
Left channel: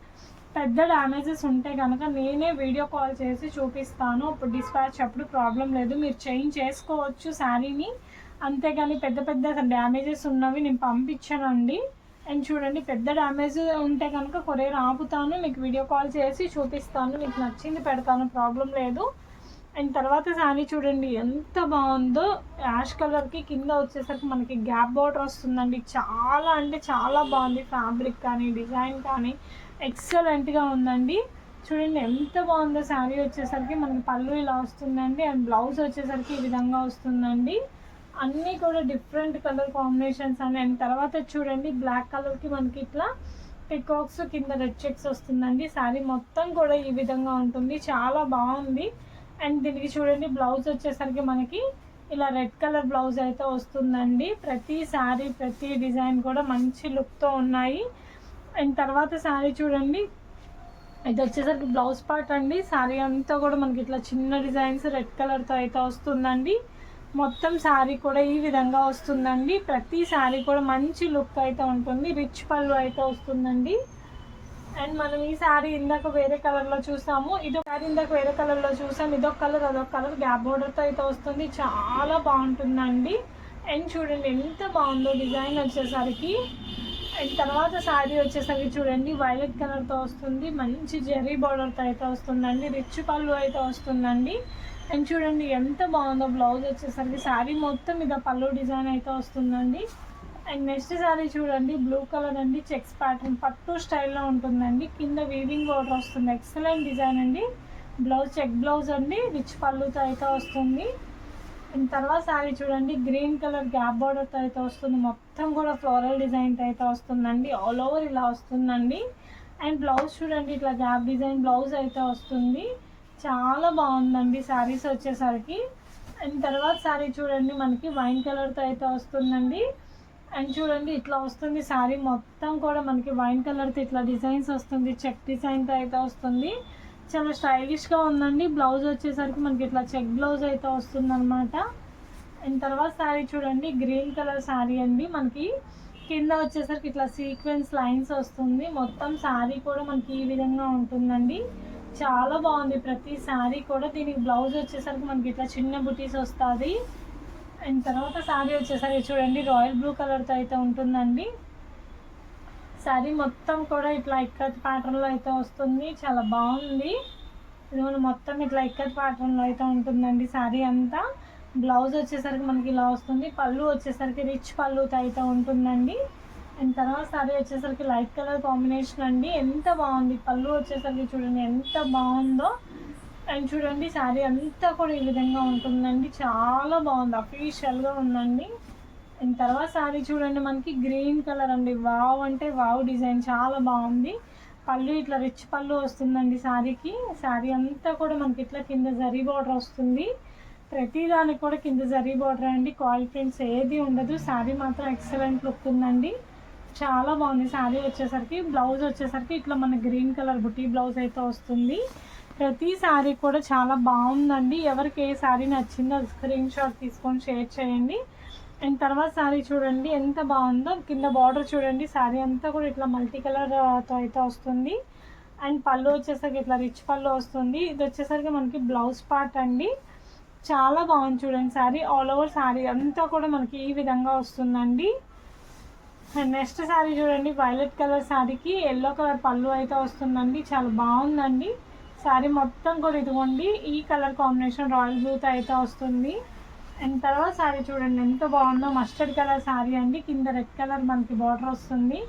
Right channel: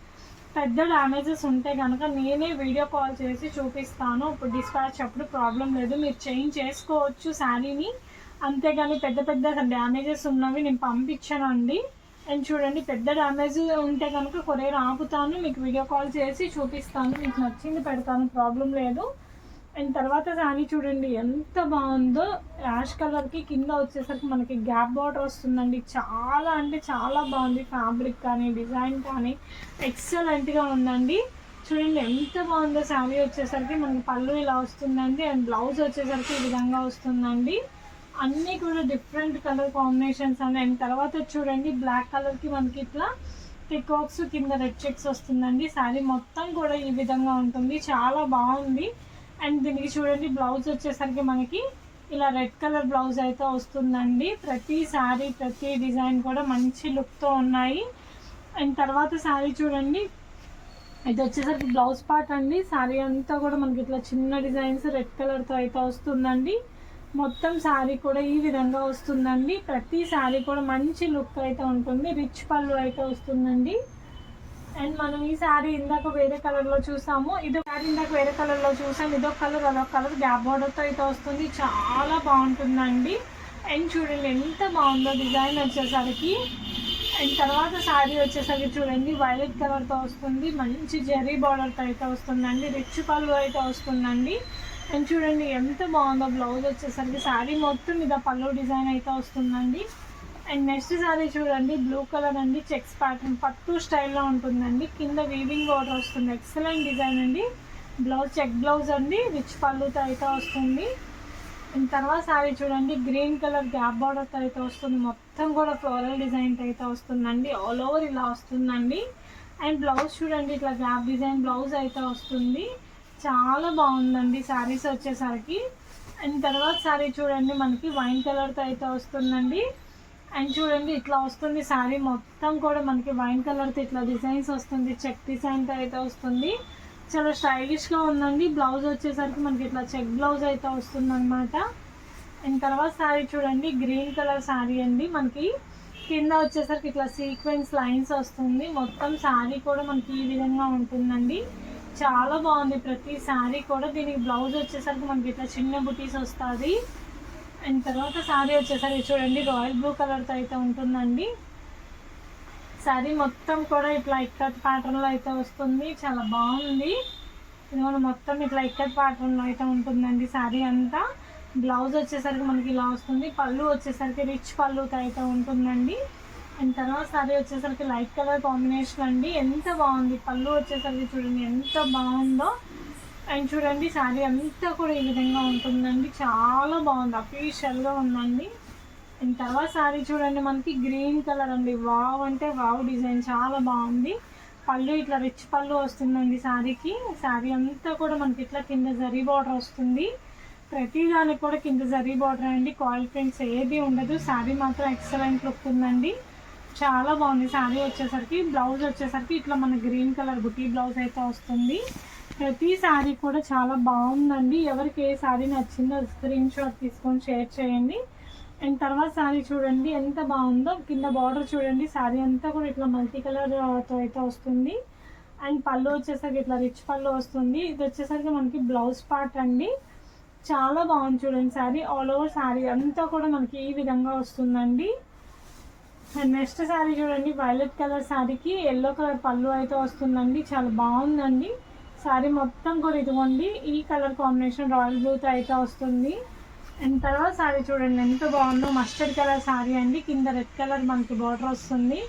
పెద్ద డ్యామేజెస్ ఉంటే కనుక నేనే వీడియో కాల్ చేసి చూపిస్తాను, ఇప్పుడు డిస్పాచ్ అప్పుడు ప్రాబ్లం లేదు, మీరు చేంజ్ చేసుకోవచ్చు శారీని. అంతేగాని పెద్ద పెద్ద డ్యామేజెస్ ఉన్నవి నేను పంపించానండి. అండ్ చూడండి పెద్ద డ్యామేజ్ ఉంటే కనుక కొరియర్ ఆపుతాను, మీకు వీడియో కాల్ చేసి చూపిస్తాను, మీకు నచ్చింది పెడతాను, ప్రాబ్లం లేదు. అండ్ తర్వాత శారీ చూడండి ఎంత బాగుందో, యాష్ కలర్కి కింద వచ్చేసరికి మనకి గ్యాప్ బార్డర్ వస్తుందండి. చాలా అంటే చాలా బాగుంది, ఫ్యాబ్రిక్ కానీ డిజైన్ కానీ ఎక్సలెంట్గా ఉందండి. చూడండి ఎంత బాగుందో శారీ వచ్చేసరికి. మనకి పళ్ళు ఇలా వస్తుందండి, అండ్ బ్లౌజ్ వచ్చేసరికి ఈ విధంగా వస్తుందండి. అన్నీ కూడా డిఫరెంట్ కలర్ కాంబినేషన్స్ అండి. అండ్ తర్వాత చూడండి బ్లాక్ కలర్కి మనకి ఇట్లా పికాక్స్ కింద రెడ్ చెక్స్ వస్తుందండి. శారీ మొత్తం కూడా ఈ విధంగా ఉంటుంది, చాలా బాగుంది. అండ్ దీనికి చూడండి బ్లౌజ్ వచ్చేసరికి మనకి ఇలా రెడ్ కలర్ బ్లౌజ్ అయితే వస్తుందండి. ప్రతి శారీ ప్రతి డిజైన్ కూడా మంచి లుక్తో ఉన్నాయి. అండ్ తర్వాత శారీ చూడండి ఇది వచ్చేసరికి బ్లౌజ్ పార్ట్ అండి. శారీ అంతా కూడా మనకి ఇట్లా చిన్న డిజైన్స్ రెడ్ కలర్తో అయితే వస్తుందండి. మొత్తం శారీ కూడా ఈ విధంగా వస్తుందండి. ప్రతి శారీ కూడా మంచి లుక్ అయితే ఉంటుంది, రిచ్ పళ్ళు అయితే వస్తుందండి. అండ్ మనం ఈ శారీ ఇందాక వేరే కలర్లో చూసాము, ఇదొక శారీ ఇందాక వేరే కలర్లో చూసాము, ఇదొక కలర్ అదొక కలర్ గ్యాప్ బోర్డర్తో అయితే వస్తుంది, చాలా బాగుంటుందండి. అండ్ చూడండి ఎంత బాగుందో డిజైన్ వచ్చేసరికి. అండ్ తర్వాత శారీ వచ్చేసరికి చూడండి వైలెట్ కలర్తో వస్తుంది, మంచి జెరీ బార్డర్తో అయితే వస్తుందండి, రిచ్ పళ్ళు అయితే వస్తుందండి. అండ్ చూడండి ఎంత బాగుందో బ్లౌజ్ వచ్చేసరికి. శారీ మొత్తం మీద పళ్ళు డిజైన్ అయితే వస్తుందండి. అండ్ నెక్స్ట్ శారీ చూడండి బ్లూ కలర్ అండి, చెక్స్ ప్యాటర్న్ పట్టు స్టైల్లో ఉంటుందండి, కింద వీవింగ్ బోర్డర్ వస్తుంది, ఎక్సలెంట్ డిజైన్ అండి. బ్లౌజ్ చెక్ బ్లౌజ్ అండి, రిచ్ పళ్ళుతో అయితే వస్తుంది. అండ్ తర్వాత శారీ చూడండి గ్రీన్ కలర్ గ్యాప్ బార్డర్తో అయితే వస్తుంది, మొత్తం కూడా ఫ్లోరల్ డిజైన్తో అయితే వస్తుందండి, ఆల్ ఓవర్ ఇలా వస్తుందండి. అండ్ బ్లౌజ్ చూడండి ఇట్లా గ్యాప్ డిజైన్ బ్లౌజ్ అయితే వస్తుంది, చాలా బాగుందండి శారీస్ వచ్చేసరికి. అండ్ తర్వాత శారీ చూడండి మనకి వైన్ కలర్తో అయితే వస్తుందండి. అండ్ చూడండి ఇట్లా వస్తుంది శారీ మొత్తం కూడా మనకి వైన్ కలర్తో ఇట్లా డిజైన్స్ వస్తుంది, చెక్ డిజైన్తో అయితే వస్తుంది, చాలా స్టైలిష్గా ఉందండి. బ్లౌజ్ వచ్చేసరికి మనకి ఇట్లా చెక్ బ్లౌజ్ అయితే వస్తుంది అనమాట. అండ్ తర్వాత శారీ చూడండి గ్రీన్ కలర్ శారీ అండి, మనకి కింద వచ్చేసరికి ఇట్లా సీక్వెన్స్ లైన్స్ వస్తుంది, మొత్తం శారీ కూడా మనకి ఈ విధంగా ఉంటుందండి, చాలా బాగుంది ప్రతి శారీ కూడా. దీనికి బ్లౌజ్ వచ్చేసరికి మనకి ఇట్లా చిన్న బుటీస్ వస్తుంది. అండ్ తర్వాత శారీ వచ్చేసరికి చూడండి రాయల్ బ్లూ కలర్తో అయితే ఉంటుందండి. శారీ మొత్తం కూడా ఇట్లా ఇక్కత్ ప్యాటర్న్లో అయితే వస్తుంది, చాలా బాగుంది. ఇది మొత్తం ఇట్లా ఇక్కత్ ప్యాటర్న్లో అయితే ఉంటుందండి శారీ అంతా. బ్లౌజ్ వచ్చేసరికి మనకి ఇలా వస్తుంది. పళ్ళు వచ్చేసరికి రిచ్ పళ్ళుతో అయితే ఉంటుందండి. అండ్ తర్వాత శారీ వచ్చేసరికి లైట్ కలర్ కాంబినేషన్ అండి. ఎంత బాగుంది పళ్ళు వచ్చేసరికి చూడండి ఎంత బాగుందో. అండ్ చూడండి శారీ అంతా కూడా ఈ విధంగా ఉంటుందండి. చాలా బాగుంది, అఫీషియల్గా ఉందండి. అండ్ తర్వాత శారీ చూడండి మనకి గ్రీన్ కలర్ అండి. వావ్ అంటే వావ్ డిజైన్ చాలా బాగుంది. పళ్ళు ఇట్లా రిచ్ పళ్ళు వస్తుందండి శారీకి. శారీ అంతా కూడా మనకి ఇట్లా కింద జరీ బార్డర్ వస్తుంది. ప్రతి దానికి కూడా కింద జరీ బార్డర్ అండి. కాల్ ప్రింట్స్ ఏది ఉండదు. శారీ మాత్రం ఎక్సలెంట్ లుక్ ఉందండి. చాలా బాగుంది శారీ వచ్చేసరికి. బ్లౌజ్ వచ్చేసరికి ఇట్లా మన గ్రీన్ కలర్ బుటీ బ్లౌజ్ అయితే వస్తుంది. ప్రతి శారీ కూడా చాలా బాగుందండి. ఎవరికి ఏ శారీ నచ్చిందో స్క్రీన్ షాట్ తీసుకొని షేర్ చేయండి. అండ్ తర్వాత శారీ చూడండి ఎంత బాగుందో. కింద బార్డర్ చూడండి. శారీ అంతా కూడా ఇట్లా మల్టీ కలర్తో అయితే వస్తుంది. అండ్ పళ్ళు వచ్చేసరికి ఇట్లా రిచ్ పళ్ళు వస్తుంది. ఇది వచ్చేసరికి మనకి బ్లౌజ్ పార్ట్ అండి. చాలా బాగుంది చూడండి శారీ. ఆల్ ఓవర్ శారీ అంతా కూడా మనకి ఈ విధంగా వస్తుందండి. అండ్ నెక్స్ట్ శారీ చూడండి వైలెట్ కలర్ శారీకి ఎల్లో కలర్ పళ్ళు అయితే వస్తుందండి. చాలా బాగుందండి శారీ మొత్తం కూడా. ఇదిగోండి ఈ కలర్ కాంబినేషన్ రాయల్ బ్లూతో అయితే వస్తుంది. అండ్ తర్వాత శారీ చూడండి ఎంత బాగుందో. మస్టర్డ్ కలర్ శారీ అండి. కింద రెడ్ కలర్ మనకి బార్డర్ వస్తుంది.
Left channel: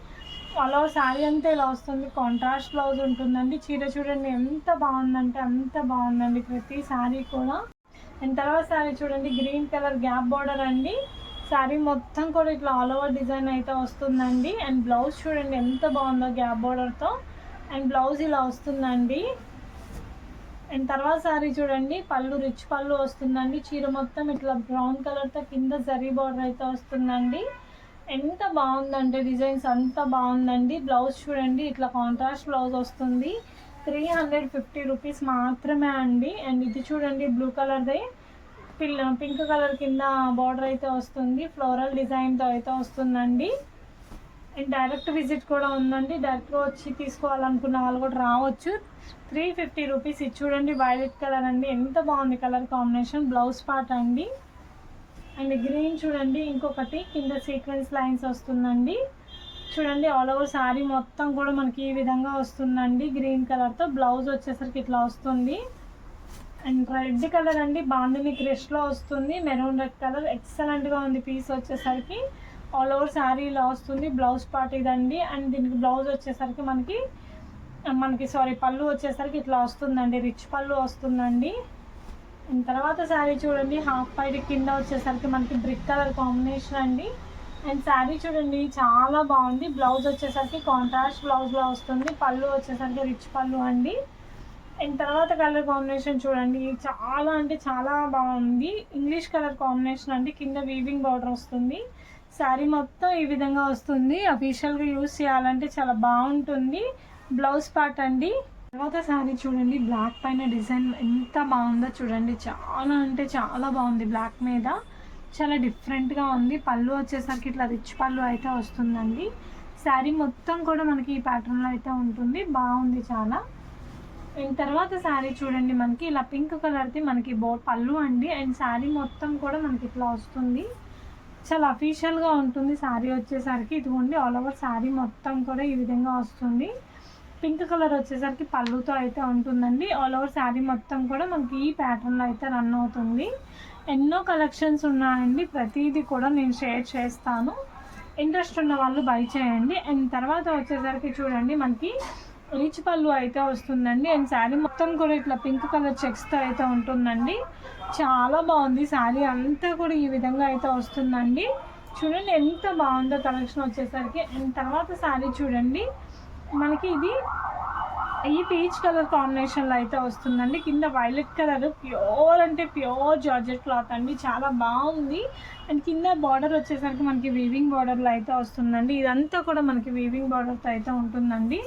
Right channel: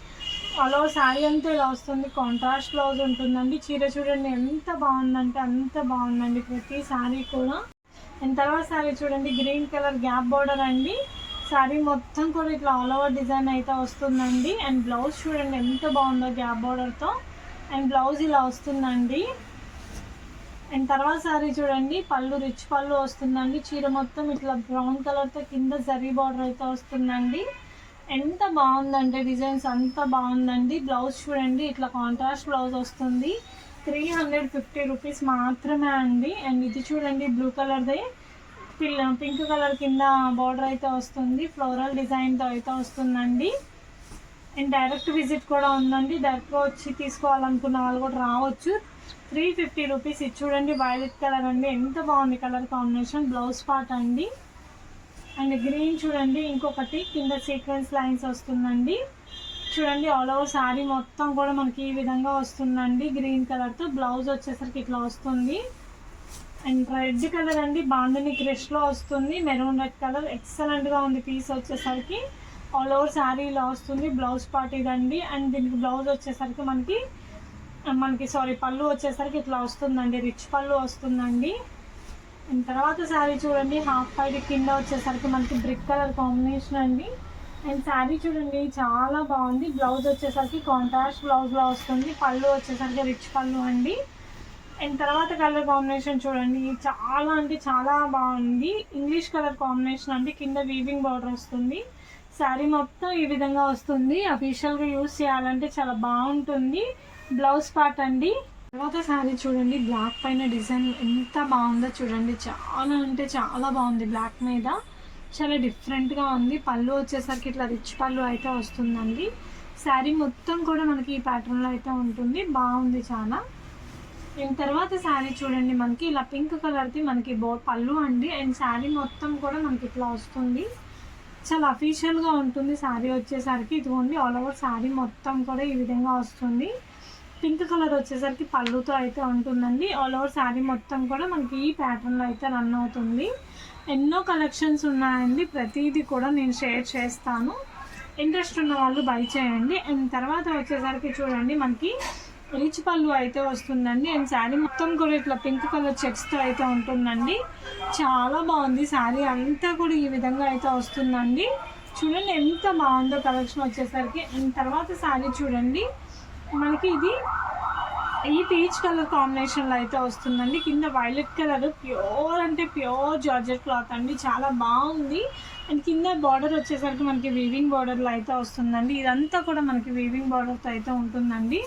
అలా శారీ అంతా ఇలా వస్తుంది. కాంట్రాస్ట్ బ్లౌజ్ ఉంటుందండి. చీర చూడండి ఎంత బాగుందంటే అంత బాగుందండి ప్రతి శారీ కూడా. అండ్ తర్వాత శారీ చూడండి గ్రీన్ కలర్ గ్యాప్ బార్డర్ అండి. శారీ మొత్తం కూడా ఇట్లా ఆల్ ఓవర్ డిజైన్ అయితే వస్తుందండి. అండ్ బ్లౌజ్ చూడండి ఎంత బాగుందో గ్యాప్ బార్డర్తో. అండ్ బ్లౌజ్ ఇలా వస్తుందండి. అండ్ తర్వాత శారీ చూడండి పళ్ళు రిచ్ పళ్ళు వస్తుందండి. చీర మొత్తం ఇట్లా బ్రౌన్ కలర్తో కింద జరీ బార్డర్ అయితే వస్తుందండి. ఎంత బాగుందంటే డిజైన్స్ అంత బాగుందండి. బ్లౌజ్ చూడండి ఇట్లా కాంట్రాస్ట్ బ్లౌజ్ వస్తుంది. 350 రూపీస్ మాత్రమే అండి. అండ్ ఇది చూడండి బ్లూ కలర్దే పింక్ కలర్ కింద బార్డర్ అయితే వస్తుంది. ఫ్లోరల్ డిజైన్తో అయితే వస్తుందండి. అండ్ డైరెక్ట్ విజిట్ కూడా ఉందండి. డైరెక్ట్గా వచ్చి తీసుకోవాలనుకున్న వాళ్ళు కూడా రావచ్చు. 350 రూపీస్. ఇది చూడండి వైలెట్ కలర్ అండి. ఎంత బాగుంది కలర్ కాంబినేషన్. బ్లౌజ్ పార్ట్ అండి. అండ్ గ్రీన్ చూడండి ఇంకొకటి కింద సీక్వెన్స్ లైన్స్ వస్తుందండి. చూడండి ఆల్ ఓవర్ శారీ మొత్తం కూడా మనకి ఈ విధంగా వస్తుందండి గ్రీన్ కలర్తో. బ్లౌజ్ వచ్చేసరికి ఇట్లా వస్తుంది. అండ్ రెడ్ కలర్ అండి. బాందిని క్రిష్లో వస్తుంది. మెరూన్ రెడ్ కలర్ ఎక్సలెంట్గా ఉంది పీస్ వచ్చేసరికి. ఆల్ ఓవర్ శారీ ఇలా వస్తుంది. బ్లౌజ్ పార్ట్ ఇదండి. అండ్ దీనికి బ్లౌజ్ వచ్చేసరికి మనకి పళ్ళు వచ్చేసరికి ఇట్లా వస్తుందండి. రిచ్ పళ్ళు వస్తుందండి. అండ్ తర్వాత శారీ చూడండి హాఫ్ పైడ్ కింద వచ్చేసరికి మనకి బ్రిక్ కలర్ కాంబినేషన్ అండి. అండ్ శారీ చూడండి చాలా బాగుంది. బ్లౌజ్ వచ్చేసరికి కాంట్రాస్ట్ బ్లౌజ్లో వస్తుంది. పళ్ళు వచ్చేసరికి రిచ్ పళ్ళు అండి. అండ్ తర్వాత కలర్ కాంబినేషన్ చూడండి చాలా అంటే చాలా బాగుంది. ఇంగ్లీష్ కలర్ కాంబినేషన్ అండి. కింద వీవింగ్ బార్డర్ వస్తుంది. శారీ మొత్తం ఈ విధంగా వస్తుంది. అఫీషియల్గా యూజ్ చేయాలంటే చాలా బాగుంటుంది. బ్లౌజ్ పార్ట్ అండి. తర్వాత శారీ చూడండి బ్లాక్ పైన డిజైన్ ఎంత బాగుందో చూడండి. చాలా అంటే చాలా బాగుంది. బ్లాక్ మీద చాలా డిఫరెంట్గా ఉంది. పళ్ళు వచ్చేసరికి ఇట్లా రిచ్ పళ్ళు అయితే వస్తుందండి. శారీ మొత్తం కూడా మనకి ఈ ప్యాటర్న్లో అయితే ఉంటుంది. బాగుంది చాలా. అండ్ తర్వాత శారీ చూడండి మనకి ఇలా పింక్ కలర్ది మనకి పళ్ళు అండి. అండ్ శారీ మొత్తం కూడా మనకి ఇట్లా వస్తుంది. చాలా అఫీషియల్గా ఉంటుంది శారీ వచ్చేసరికి. ఇదిగోండి ఆల్ ఓవర్ శారీ మొత్తం కూడా ఈ విధంగా వస్తుంది. పింక్ కలర్ వచ్చేసరికి పళ్ళుతో అయితే ఉంటుందండి. ఆల్ ఓవర్ శారీ మొత్తం కూడా మనకి ఈ ప్యాటర్న్లో అయితే రన్ అవుతుంది. ఎన్నో కలెక్షన్స్ ఉన్నాయండి. ప్రతిదీ కూడా నేను షేర్ చేస్తాను. ఇంట్రెస్ట్ ఉన్న వాళ్ళు బై చేయండి. అండ్ తర్వాత వచ్చేసరికి చూడండి మనకి రిచ్ పళ్ళు అయితే వస్తుందండి. అండ్ శారీ మొత్తం కూడా ఇట్లా పింక్ కలర్ చెక్స్తో అయితే ఉంటుందండి. చాలా బాగుంది. శారీ అంతా కూడా ఈ విధంగా అయితే వస్తుందండి. చూడండి ఎంత బాగుందో కలెక్షన్ వచ్చేసరికి. అండ్ తర్వాత శారీ చూడండి మనకి ఇది ఈ పీచ్ కలర్ కాంబినేషన్లో అయితే వస్తుందండి. కింద వైలెట్ కలర్ ప్యూర్ అంటే ప్యూర్ జార్జెట్ క్లాత్ అండి. చాలా బాగుంది. అండ్ కింద బార్డర్ వచ్చేసరికి మనకి వీవింగ్ బార్డర్లో అయితే వస్తుందండి. ఇదంతా కూడా మనకి వీవింగ్ బార్డర్తో అయితే ఉంటుందండి.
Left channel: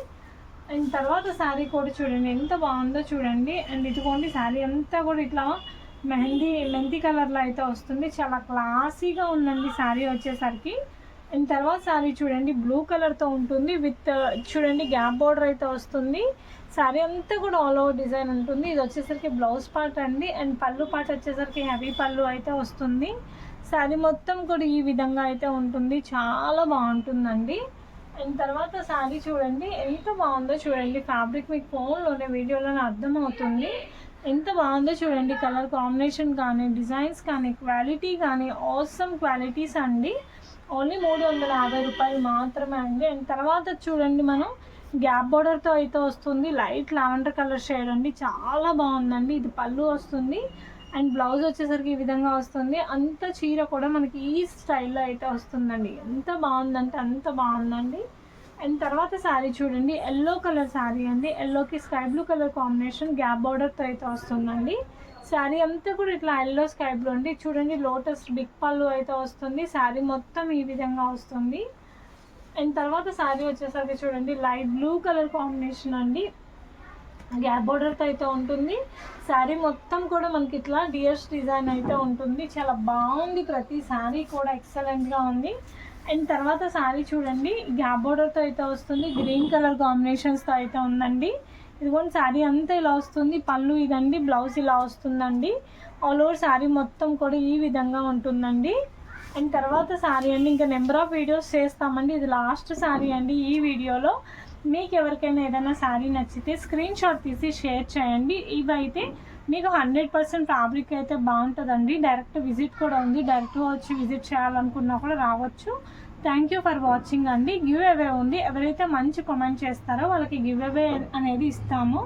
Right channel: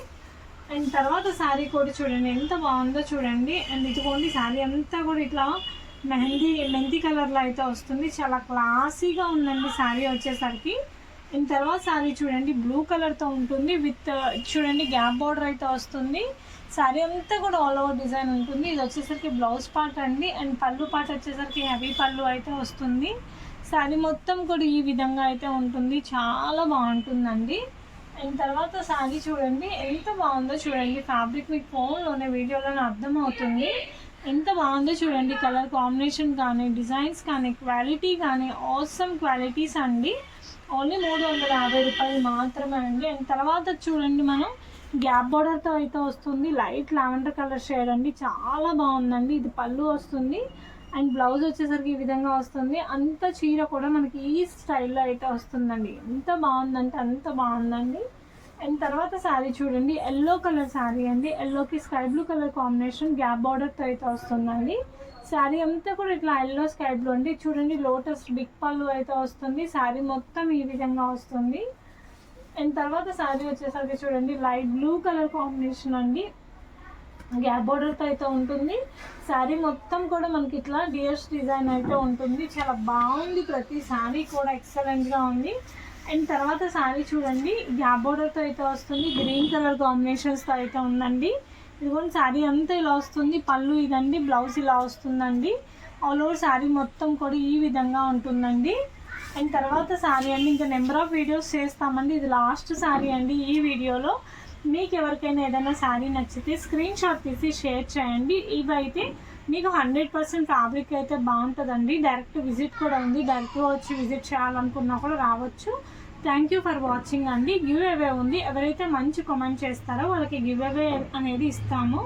అండ్ తర్వాత శారీ కూడా చూడండి ఎంత బాగుందో చూడండి. అండ్ ఇదిగోండి శారీ అంతా కూడా ఇట్లా మెంతి కలర్లో అయితే వస్తుంది. చాలా క్లాసీగా ఉందండి శారీ వచ్చేసరికి. అండ్ తర్వాత శారీ చూడండి బ్లూ కలర్తో ఉంటుంది. విత్ చూడండి గ్యాప్ బార్డర్ అయితే వస్తుంది. శారీ అంతా కూడా ఆల్ ఓవర్ డిజైన్ ఉంటుంది. ఇది వచ్చేసరికి బ్లౌజ్ పార్ట్ అండి. అండ్ పళ్ళు పార్ట్ వచ్చేసరికి హెవీ పళ్ళు అయితే వస్తుంది. శారీ మొత్తం కూడా ఈ విధంగా అయితే ఉంటుంది. చాలా బాగుంటుందండి. అండ్ తర్వాత శారీ చూడండి ఎంత బాగుందో చూడండి. ఫ్యాబ్రిక్ మీకు ఫోన్లోనే వీడియోలోనే అర్థమవుతుంది ఎంత బాగుందో చూడండి. కలర్ కాంబినేషన్ కానీ డిజైన్స్ కానీ క్వాలిటీ కానీ ఆసమ్ క్వాలిటీస్ అండి. ఓన్లీ 350 రూపాయలు మాత్రమే అండి. అండ్ తర్వాత చూడండి మనం గ్యాప్ బార్డర్తో అయితే వస్తుంది. లైట్ లావెండర్ కలర్ షేడ్ అండి, చాలా బాగుందండి. ఇది పళ్ళు వస్తుంది అండ్ బ్లౌజ్ వచ్చేసరికి ఈ విధంగా వస్తుంది. అంత చీర కూడా మనకి ఈ స్టైల్లో అయితే వస్తుందండి. ఎంత బాగుందంటే అంత బాగుందండి. అండ్ తర్వాత శారీ చూడండి ఎల్లో కలర్ శారీ అండి. ఎల్లోకి sky blue colour combination gap బార్డర్తో అయితే వస్తుందండి. శారీ అంతా కూడా ఇట్లా ఎల్లో స్కై బ్లూ అండి. చూడండి లోటస్ బిగ్ పళ్ళు అయితే వస్తుంది. శారీ మొత్తం ఈ విధంగా వస్తుంది. అండ్ తర్వాత శారీ వచ్చేసరికి చూడండి లైట్ బ్లూ కలర్ కాంబినేషన్ అండి, గ్యాప్ బార్డర్తో అయితే ఉంటుంది. శారీ మొత్తం కూడా మనకి ఇట్లా డియర్స్ డిజైన్ అయితే ఉంటుంది. చాలా బాగుంది, ప్రతి శారీ కూడా ఎక్సలెంట్గా ఉంది. అండ్ తర్వాత శారీ చూడండి గ్యాప్ బార్డర్తో అయితే వస్తుంది. గ్రీన్ కలర్ కాంబినేషన్స్తో అయితే ఉందండి. ఇదిగోండి శారీ అంతా ఇలా వస్తుంది. పళ్ళు ఇదండి, బ్లౌజ్ ఇలా వస్తుందండి. ఆల్ ఓవర్ శారీ మొత్తం కూడా ఈ విధంగా ఉంటుందండి. అండ్ తర్వాత శారీ అండి ఇంకా నెంబర్ ఆఫ్ వీడియోస్ చేస్తామండి. ఇది లాస్ట్ శారీ అండి ఈ వీడియోలో. మీకు ఎవరికైనా ఏదైనా శారీ నచ్చితే స్క్రీన్ షాట్ తీసి షేర్ చేయండి. ఇవైతే మీకు 100% ఫ్యాబ్రిక్ అయితే బాగుంటుందండి. డైరెక్ట్ విజిట్ కూడా ఉంది, డైరెక్ట్గా వచ్చి విజిట్ చేయాలనుకున్నా కూడా రావచ్చు. థ్యాంక్ యూ ఫర్ వాచింగ్ అండి. గివ్ అవే ఉంది, ఎవరైతే మంచి కామెంట్ చేస్తారో వాళ్ళకి గివ్ అవే అనేది ఇస్తాము.